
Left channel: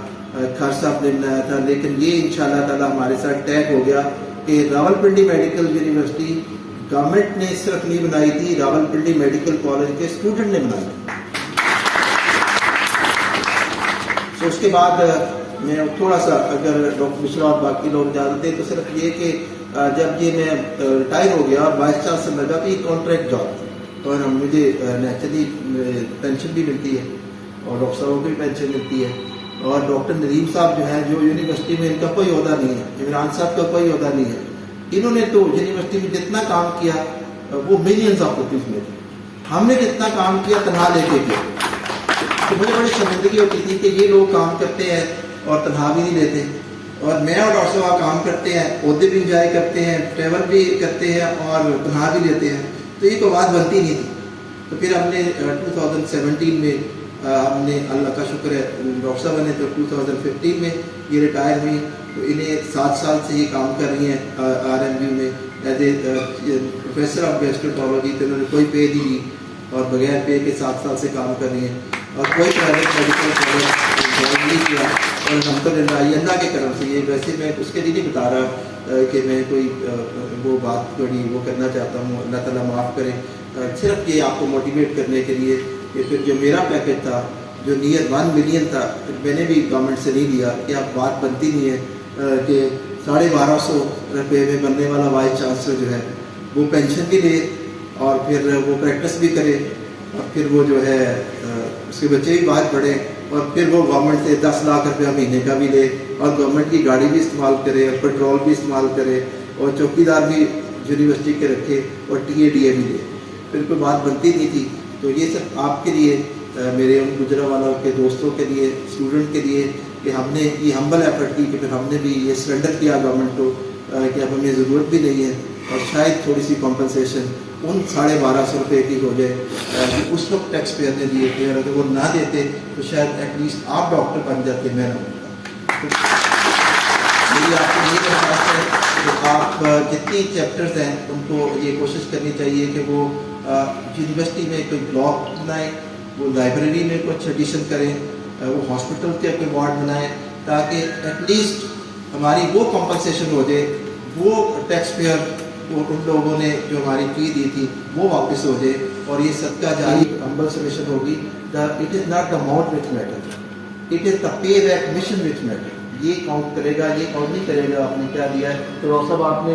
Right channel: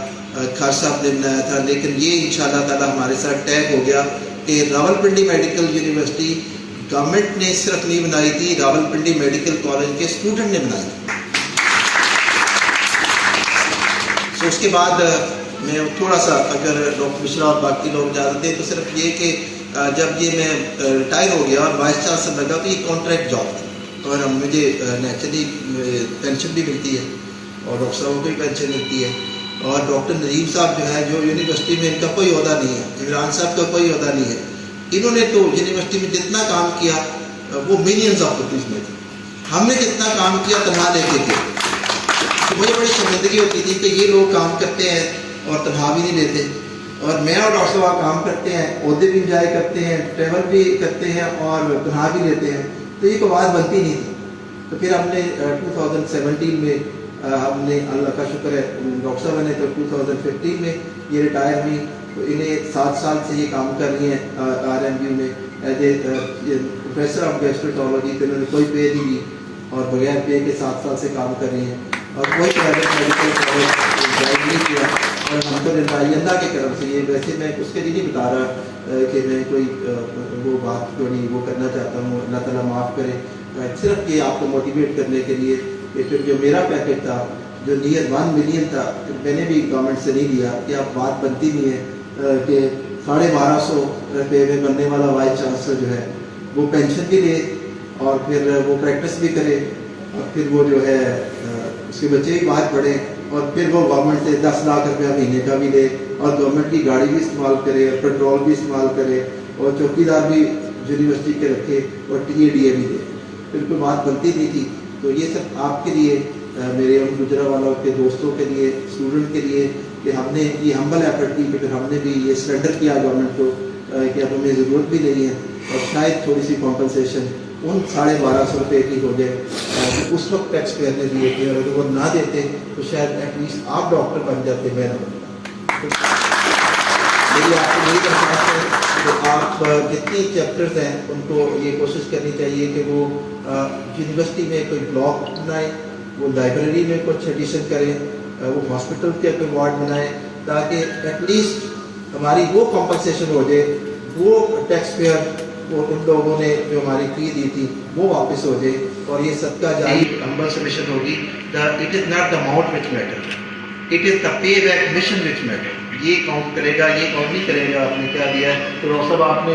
خان صاحب نے بنایا تھا، لیکن یہ انشاءاللہ تعالیٰ ہمارے ساتھ ٹیگ ہو گیا کہ راولپنڈی میڈیکل یونیورسٹی گورنمنٹ نے صرف نہیں بنائی تھی، راولپنڈی میڈیکل کالج کے اسٹوڈنٹ نے بنائی. سو اس کے بعد میں تھوڑا سا اگر ڈاکٹر مشرا اور باقی لوگ جانتے تو صرف یہ کہ جب یہ میں ریٹائر ہو گیا اور وائس چانسلر لگا تو یہ کانٹریکٹ جاب تھی، اور مجھے نیچرلی پینشن بھی ملتی ہے اور ڈاکٹر صاحب کو بھی پینشن ملتی ہے. اور ڈاکٹر نظیم صاحب جو ہے جو یونیورسٹی میں ان کا کوئی عہدہ نہیں ہے، عمران صاحب کا کوئی عہدہ نہیں ہے، انہوں نے تو یونیورسٹی میں جتنا کام کیا وہ ملینز آف روپیز میں تھے. ہم نے جتنا کام کیا تنہا لے کے کیا. تو مجھے بڑی شرمندگی ہوتی تھی کہ یہ لوگ کام کرتے ہیں اور تنہا بھی نہیں لیتے، اور میں اور ڈاکٹر صاحب کام کرتے ہیں، عہدے بھی انجوائے کرتے ہیں، ٹریول بھی کرتے ہیں اور تنہا بھی لیتے ہیں. تو یہ کوئی بات بنتی نہیں تھی. تو پھر ہم نے 2017 میں ہم نے اللہ کا شکر ہے ڈاکٹر صاحب نے تو 2015 میں یہ ریٹائر ہوئی. تو انہیں 7 سال سے یہ کام کر رہی ہیں RMU میں ایز اے پروفیسر آف گیسٹروانٹرولوجی. تو انہوں نے کوئی پے نہیں دی اور بغیر پے کے 7 سال سے کام کر رہی ہیں اور کوئی پرائیویٹ میڈیکل کالج جوائن نہیں کیا. اور الحمدللہ یہ اللہ کے کرم سے. یہ ویسے میں اس کے لیے نہیں بتا رہا کہ میں کوئی وہ بات تھوڑی وہ کرنا چاہتا ہوں، اللہ تعالیٰ معاف کرے. صرف یہ آپ کو موٹیویٹ کرنے کے لیے کہ پھر جو میرا پیکج تھا جو نیئر 1 ملین تھا میں نے بھی گورنمنٹ سے نہیں لیا کہ اب بات بنتی نہیں ہے کہ 1250 روپے میں بننے والا وائس چانسلر جو ہے وہ پینشن بھی لے اور پھر وہ پریکٹس بھی کرے اور پھر وہ جو ہے اس کے بچے بھی باہر پڑھے اور پھر وہ گورنمنٹ سے 10 لاکھ روپیہ مہینے کا بھی لے اور گورنمنٹ کی گاڑی بھی استعمال کرے اور پیٹرول بھی استعمال کرے اور چوکیدار بھی یونیورسٹی کے رکھے اور TADA بھی لے. پھر کوئی بات بنتی نہیں تھی. تو یہ صرف آپ کے لیے، میرے ان گجرانوالہ کے دوستوں کے لیے، اسٹوڈنٹ کے لیے کہ ہم نے یہ ہمبل ایفرٹ کی کہ پھر ہم نے بھی یہ سرنڈر کیا گورنمنٹ کو کہ اب ہمیں ضرورت بھی نہیں ہے اور شاید تھوڑی سی کمپنسیشن ان 1250 روپے کی ہو جائے اس وقت ٹیکس پیئر نے دیے تھے. اور اگر وہ نہ دیتے تو شاید ایٹ لیسٹ آپ ڈاکٹر بن جاتے، میں نہ بنتا. میری آپ کو یہی درخواست ہے کہ آپ جتنی چیپٹرز ہیں ان کو یہ کوشش کرنی چاہیے کہ وہ یونیورسٹی میں کوئی بلاک بنائیں، وہ لائبریری میں کچھ ایڈیشن کریں، وہ ہاسپٹل کے کوئی وارڈ بنائیں تاکہ ایٹ لیسٹ ہماری وہ کمپنسیشن ہو جائے، وہ ٹیکس پیئر وہ ان لوگوں نے جو ہماری فی دی تھی وہ واپس ہو جائے. اور یہ صدقہ جاری ہمبل سبمیشن ہوگی. It is not the amount which matter, it is the pay back mission which matter. یہ کاؤنٹ کرے گا، یہ کاؤنٹ نہیں کرے گا آپ نے کیا دیا ہے. تو ڈاکٹر صاحب آپ نے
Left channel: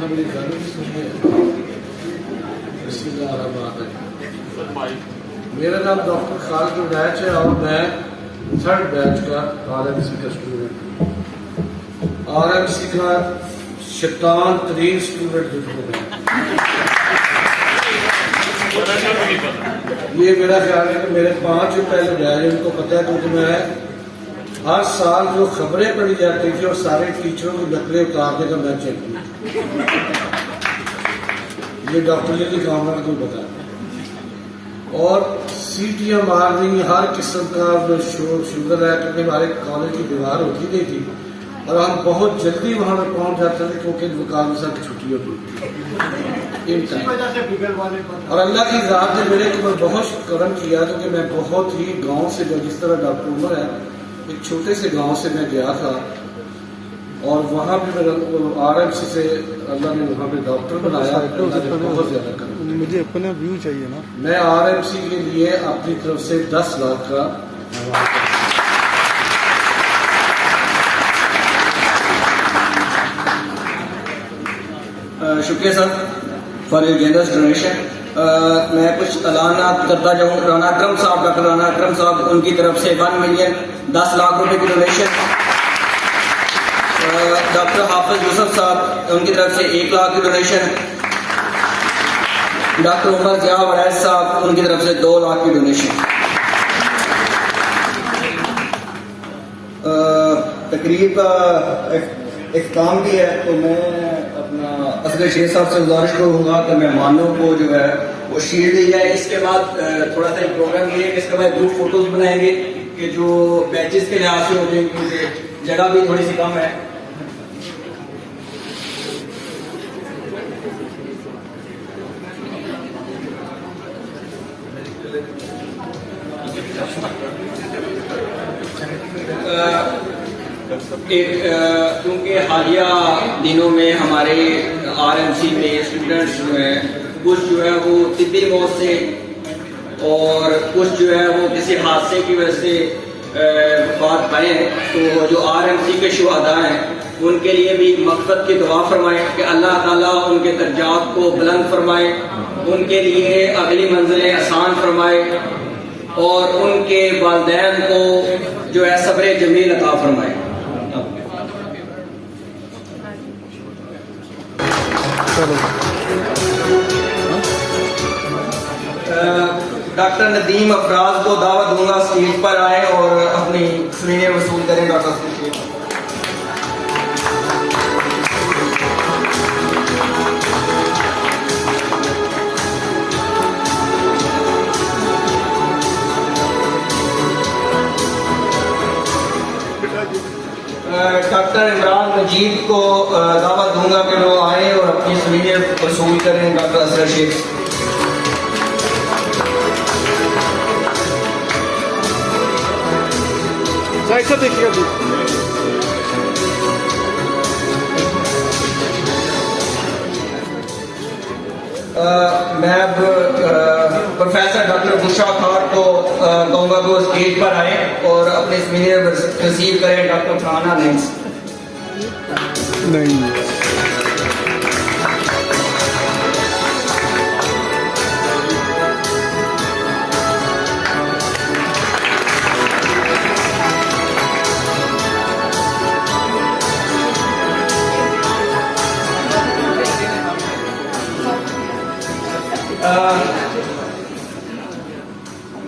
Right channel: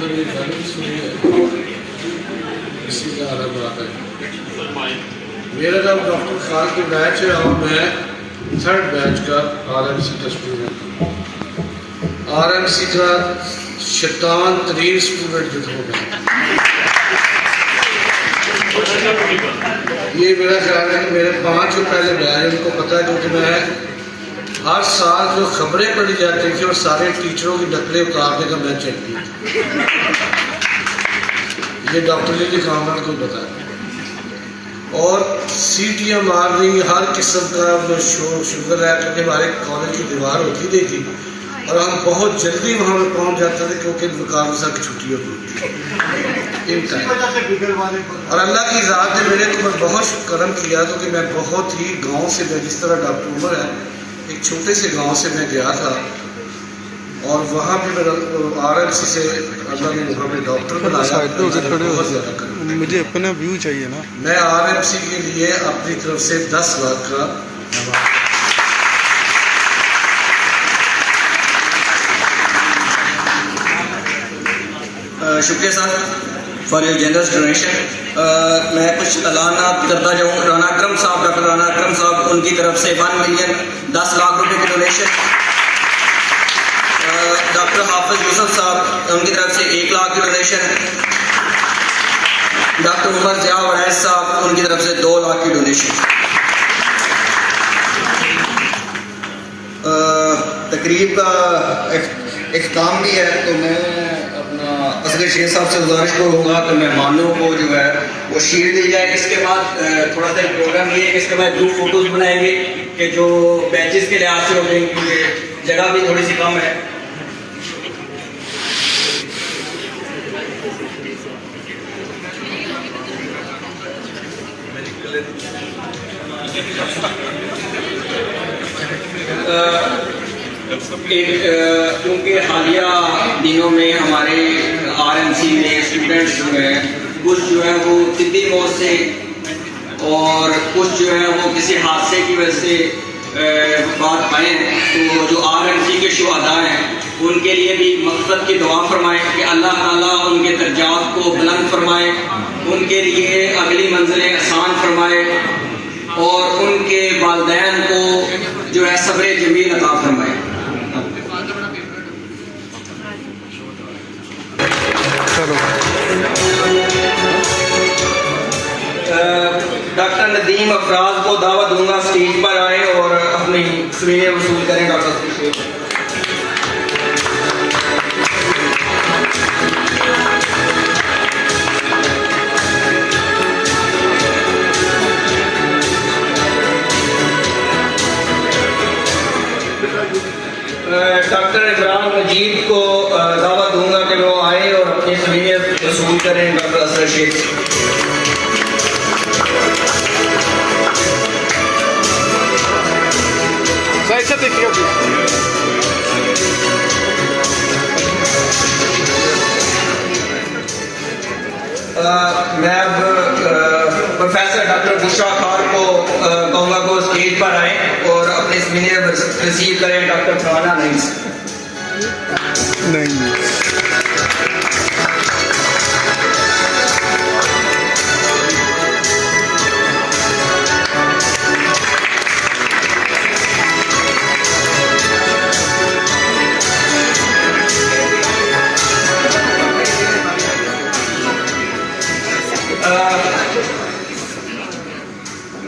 ہر ایک گانے کی سنی ہے، اسی کا آرام آتا ہے۔ میرا نام ڈاکٹر خالد بیچ ہے اور میں 3rd بیچ کا RMC کا اسٹوڈنٹ ہوں۔ RMC کا شیطان ترین اسٹوڈنٹ جو ہوں میں، یہ میرا خیال ہے کہ میرے 5 جو پہلے بیچ ان کو پتہ ہے، کیونکہ میں ہر سال جو خبریں پڑھی جاتی تھیں اور سارے ٹیچروں کی نقلیں اتارنے کا میں چلتی تھی، یہ ڈاکٹر علی کامران کو پتا ہے۔ اور سیٹیاں مارنی ہر قسم کا شوگر ہے، کیونکہ ہمارے کالج کی دیوار ہوتی نہیں تھی اور ہم بہت جلدی وہاں پہ پہنچ جاتے تھے کیونکہ مقابلہ کی چھٹی ہوتی تھی اور اللہ کی ذات نے میرے کو بہت کرم کیا تو کہ میں بہت ہی گاؤں سے، میں جس طرح ڈاکٹر عمر ہے ایک چھوٹے سے گاؤں سے میں گیا تھا اور وہاں پہ RMC سے اللہ نے وہاں پہ ڈاکٹر بنایا، بہت زیادہ کرم۔ مجھے اپنا ویو چاہیے نا۔ میں RMC کے لیے اپنی طرف سے 10 لاکھ کا شکریہ sir for your generous donation. میں کچھ اعلانات کرتا جاؤں۔ رانا اکرم صاحب، ڈاکٹر رانا اکرم صاحب، ان کی طرف سے 1 ملین 10 لاکھ روپے کی ڈونیشن۔ ڈاکٹر حافظ یوسف صاحب، ان کی طرف سے 1 لاکھ کی ڈونیشن۔ ڈاکٹر عمر ضیاء وڑیس صاحب، ان کی طرف سے 2 لاکھ کی ڈونیشن۔ تقریب کا اختتام بھی ہے تو میں اپنا اصغر شیخ صاحب سے گزارش کروں گا کہ مہمانوں کو جو ہے وہ شیٹ دی جائے۔ اس کے بعد تھوڑا سا پروگرام یہ ہے کہ اس کے بعد گروپ فوٹوز بنائیں گے کہ جو بیچز کے لحاظ سے ہوگی، جگہ بھی تھوڑی سی کم ہے۔ کیونکہ حالیہ دنوں میں ہمارے RMC میں اسٹوڈنٹس جو ہیں کچھ جو ہے وہ طبی موت سے اور کچھ جو ہے وہ کسی حادثے کی وجہ سے بات پائے ہیں، تو جو RMC کے شہداء ہیں ان کے لیے بھی مغفرت کی دعا فرمائیں کہ اللہ تعالیٰ ان کے درجات کو بلند فرمائے، ان کے لیے اگلی منزلیں آسان فرمائے اور ان کے والدین کو جو ہے صبر جمیل عطا فرمائے۔ ڈاکٹر ندیم افراز کو دعوت دوں گا اسٹیج پر آئے اور اپنی سوینیں وصول کریں۔ ڈاکٹر شیخ ڈاکٹر عمران مجید کو دعوت دوں گا کہ وہ آئے اور اپنی سوینیں وصول کریں۔ ڈاکٹر اصغر شیخ میں اب پروفیسر ڈاکٹر بشا خار کو کہوں گا وہ اسٹیج پر آئے اور اپنے سوینیں ریسیو کریں۔ ڈاکٹر فرحانہ نعیم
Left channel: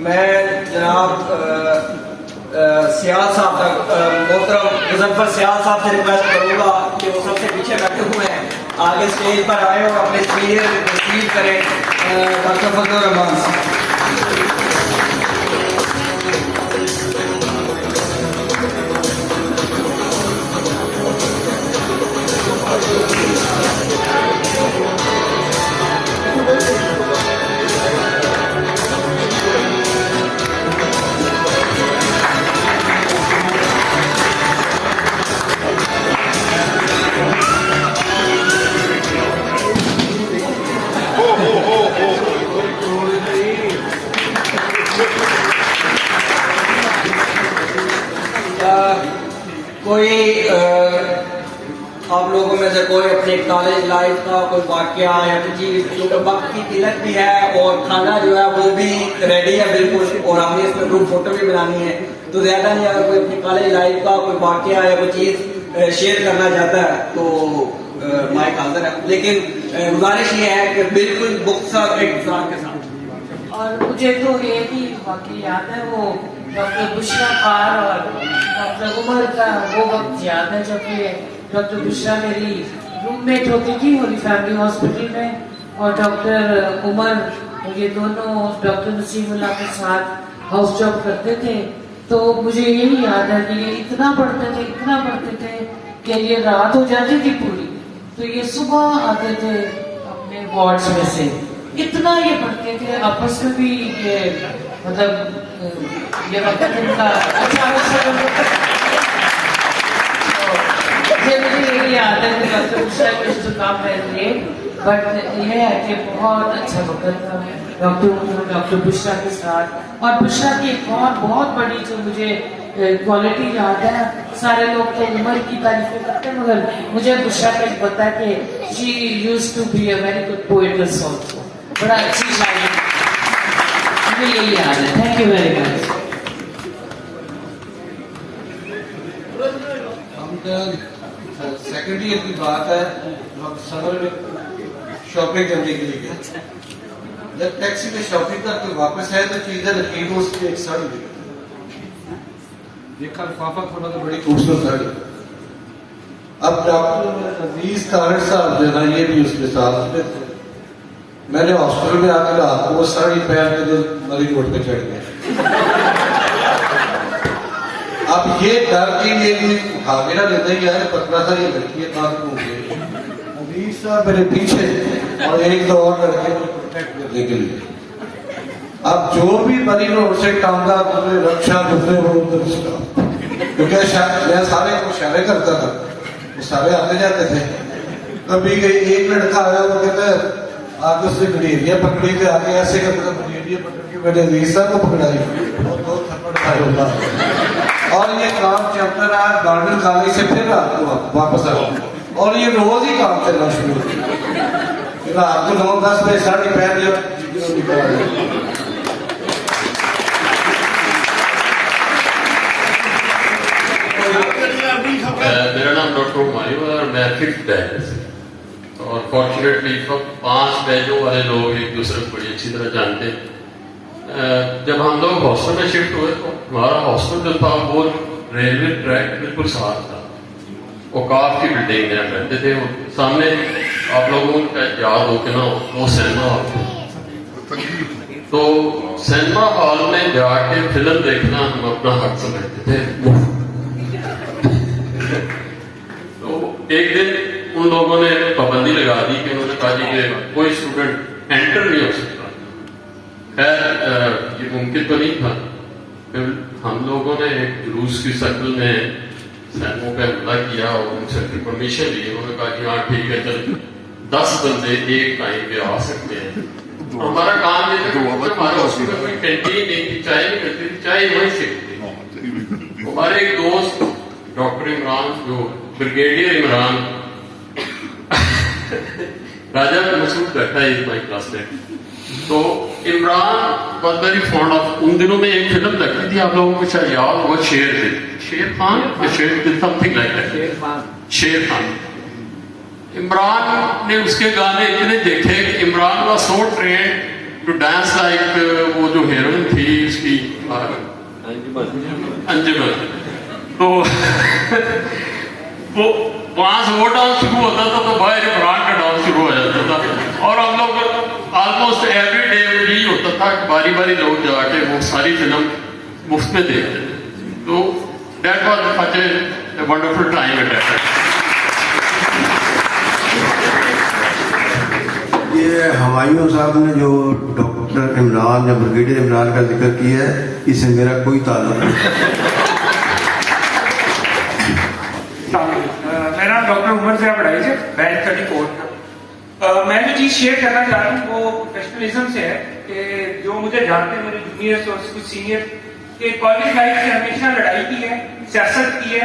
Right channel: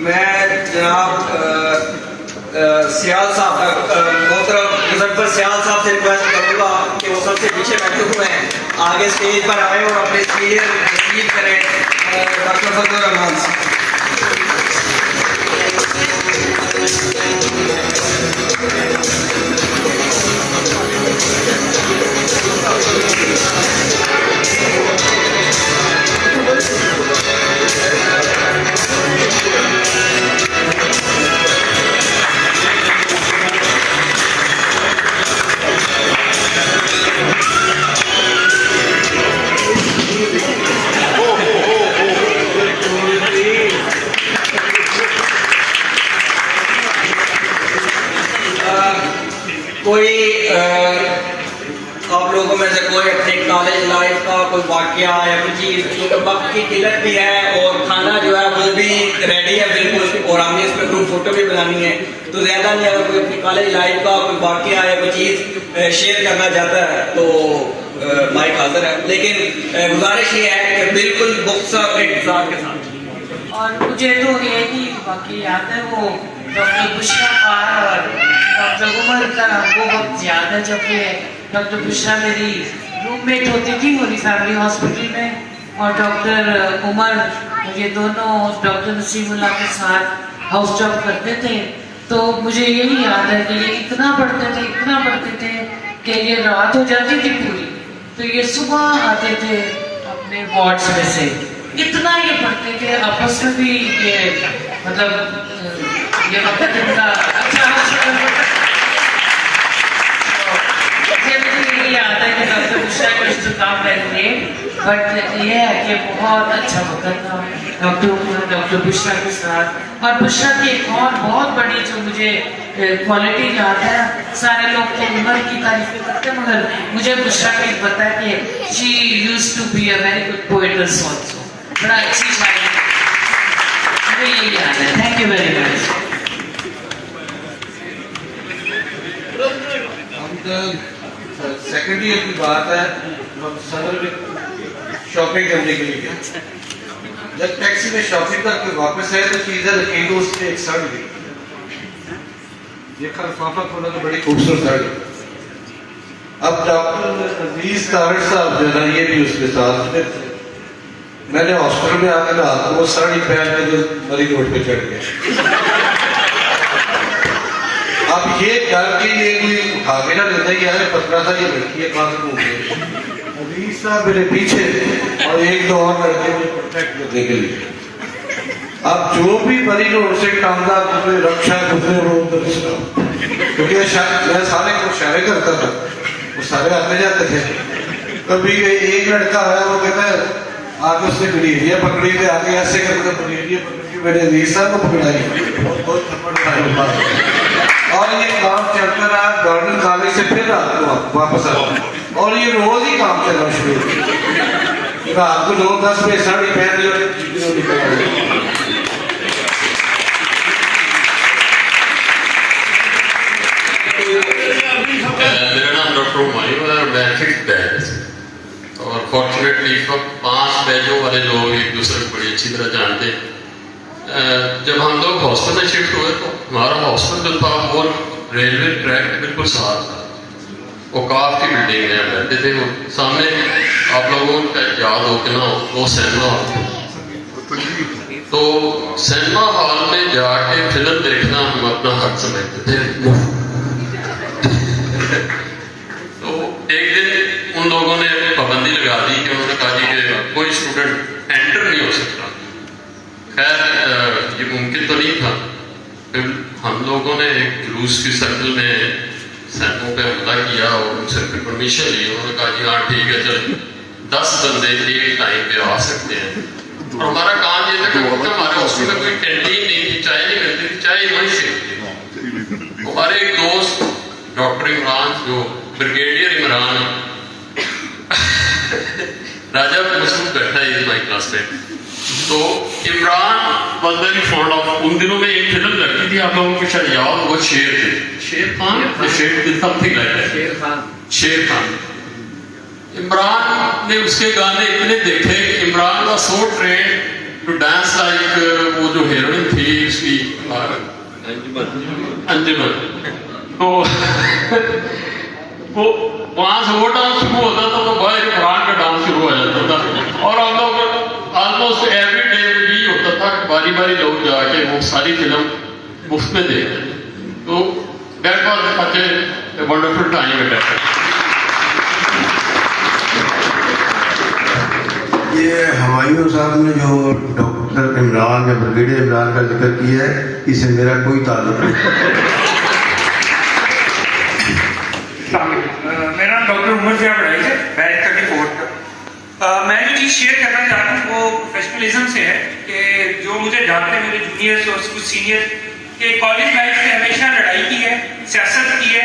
میں جناب سیال صاحب تک محترم مظفر سیال صاحب سے ریکویسٹ کروں گا کہ وہ سب سے پیچھے بیٹھے ہوئے ہیں آگے اسٹیج پر آئے اور اپنے اسپیچ ریسیو کریں۔ ڈاکٹر فضل الرحمان صاحب۔ کوئی آپ لوگوں میں سے کوئی اپنے کالج لائف کا کوئی واقعہ یا کوئی چیز، کیونکہ وقت کی قلت بھی ہے اور کھانا جو ہے وہ بھی ریڈی ہے بالکل، اور ہم نے اس پہ گروپ فوٹو بھی بنانی ہے، تو زیادہ نہیں اگر کوئی اپنی کالج لائف کا کوئی واقعہ یا کوئی چیز شیئر کرنا چاہتا ہے تو مائک حاضر ہے، لیکن گزارش یہ ہے کہ بالکل مختصر اختصار کے ساتھ. اور مجھے تو ایک ہی واقعی یاد ہے، وہ ڈاکٹر بشرا خان اور ڈاکٹر عمر کا وہ وقت یاد ہے جب کہ ڈاکٹر بشرا میری روم میٹ ہوتی تھی ہولی فیملی ہاسپٹل میں، اور ڈاکٹر عمر یہ دونوں ڈاکٹر نسیم اللہ کے ساتھ ہاؤس جاب کرتے تھے. تو مجھے یہی یاد ہے کہ یہ اتنا پڑھتے تھے کہ یہ رات ہو جاتی تھی پوری، تو یہ صبح آتے تھے اپنے وارڈز میں سے، اتنا یہ پڑھتے تھے، آپس میں بھی یہ مطلب یہ وقت ان کا اچھا یہ مجھے یہی یاد ہے کہ ڈاکٹر بشرا کو اختتام ہے، بٹ یہ ہے کہ بہت اچھا وقت تھا ڈاکٹر بشرا کے ساتھ. اور بشرا کی ایک اور بہت بڑی جو مجھے کوالٹی یاد ہے، سارے لوگ تو عمر کی تعریفیں کرتے ہیں مگر مجھے بشرا کا ایک پتہ ہے کہ she use to be a very good poets also, بڑا اچھی شاعر ہے، مجھے یہی یاد ہے. Thank you very much. Second year کی بات ہے، ہم سمر میں شاپنگ کرنے کے لیے گئے. جب ٹیکسی میں شاپنگ کر کے واپس آئے تو چیزیں رکھی تو اس پہ ایک سڑ گئی. یہ خلفافہ کھولا تو بڑی خوبصورت سڑ گئی. اب ڈاکٹر عزیز طارق صاحب جو ہے یہ بھی اس کے ساتھ تھے. میں نے ہاسپٹل میں آ کے کہا وہ ساڑی پہن کے جو مریض روڈ پہ چڑھ گیا. اب یہ ڈر کے لیے کوئی آگے نہ دیتا ہے کہ یار پتلا سا یہ لڑکی ہے کہاں سے گھوم گئی. عزیز صاحب میرے پیچھے اور ایک دو اور لڑکے مجھے پروٹیکٹ کرنے کے لیے. اب جو بھی مریض ان سے ٹانگا گزرے رکشا گزرے وہ ادھر سے کیونکہ میں سارے کو اشارے کرتا تھا، وہ سارے آتے جاتے تھے. کبھی ایک لڑکا آیا وہ کہتا ہے آگے اس نے گلیریاں پکڑی تھے، آگے ایسے کرتے گلیریاں پکڑ کے میرے عزیز صاحب کو پکڑائی، بہت تھپڑ کھائے. اور یہ کام چلتا رہا گارڈن کالج سے پھر رات کو واپس آیا، اور یہ روز ہی کام چلنا شروع. رات کو 9-10 بجے ساڑی پہن لیا. میرا نام ڈاکٹر ہمایوں ہے اور میں ففتھ بیچ سے، اور فارچونیٹلی اس وقت 5 بیچوں والے لوگ ایک دوسرے کو بڑی اچھی طرح جانتے ہیں. جب ہم لوگ ہاسٹل میں شفٹ ہوئے تو ہمارا ہاسٹل جو تھا وہ ریلوے ٹریک بالکل ساتھ تھا. اوقاف کی بلڈنگ میں ہم رہتے تھے، اور سامنے آپ لوگوں کا یاد ہو کہ نا وہ سینما ہال تھا. تو سینما ہال میں جا کے فلم دیکھنا ہم اپنا حق سمجھتے تھے. تو ایک دن ان لوگوں نے پابندی لگا دی کہ انہوں نے کہا جی کہ کوئی اسٹوڈنٹ انٹر نہیں ہو سکتا. خیر یہ ممکن تو نہیں تھا. پھر ہم لوگوں نے ایک جلوس کی شکل میں سینموں پہ حملہ کیا اور ان سے پھر پرمیشن لی. انہوں نے کہا جی ہاں ٹھیک ہے چلیں 10 بندے ایک ٹائم پہ آ سکتے ہیں. اور ہمارا کام یہ تھا کہ ہمارے ہاسپٹل میں کوئی کینٹین نہیں تھی، چائے نہیں ملتی تھی، چائے وہیں سے ملتی. ہمارے ایک دوست ڈاکٹر عمران جو بریگیڈیئر عمران راجہ مسعود بیٹھا ہے مائی کلاس میں. تو Imran was very fond of, ان دنوں میں ایک فلم لگتی تھی آپ لوگوں کو شاید یاد ہوگا، شیر تھے، Sher Khan some thing like Sher Khan. Imran نے اس کے گانے اتنے دیکھے کہ Imran was so trained to dance like وہ جو ہیروئن تھی اس کی انجمن. تو وہ وہاں سے وہ ڈانس شروع ہوتا تھا تو باہر عمران کا ڈانس شروع ہو جاتا تھا. اور ہم لوگ آلموسٹ ایوری ڈے یہی ہوتا تھا کہ باری باری لوگ جا کے وہ ساری فلم مفت میں دیکھتے. تو that was such a wonderful time at that time. یہ ہمایوں صاحب نے جو ڈاکٹر عمران یا بریگیڈیئر عمران کا ذکر کیا ہے اس سے میرا کوئی تعلق نہیں. میرا نام ڈاکٹر عمر سے پڑھائی ہے بیچ کا بھی کوٹ. میں جو چیز شیئر کرنا چاہتا ہوں وہ پروفیشنلزم سے ہے کہ جو مجھے جانتے ہیں میرے جونیئرس اور کچھ سینئر کہ کالج لائف میں ہمیشہ لڑائی کی ہے، سیاست کی ہے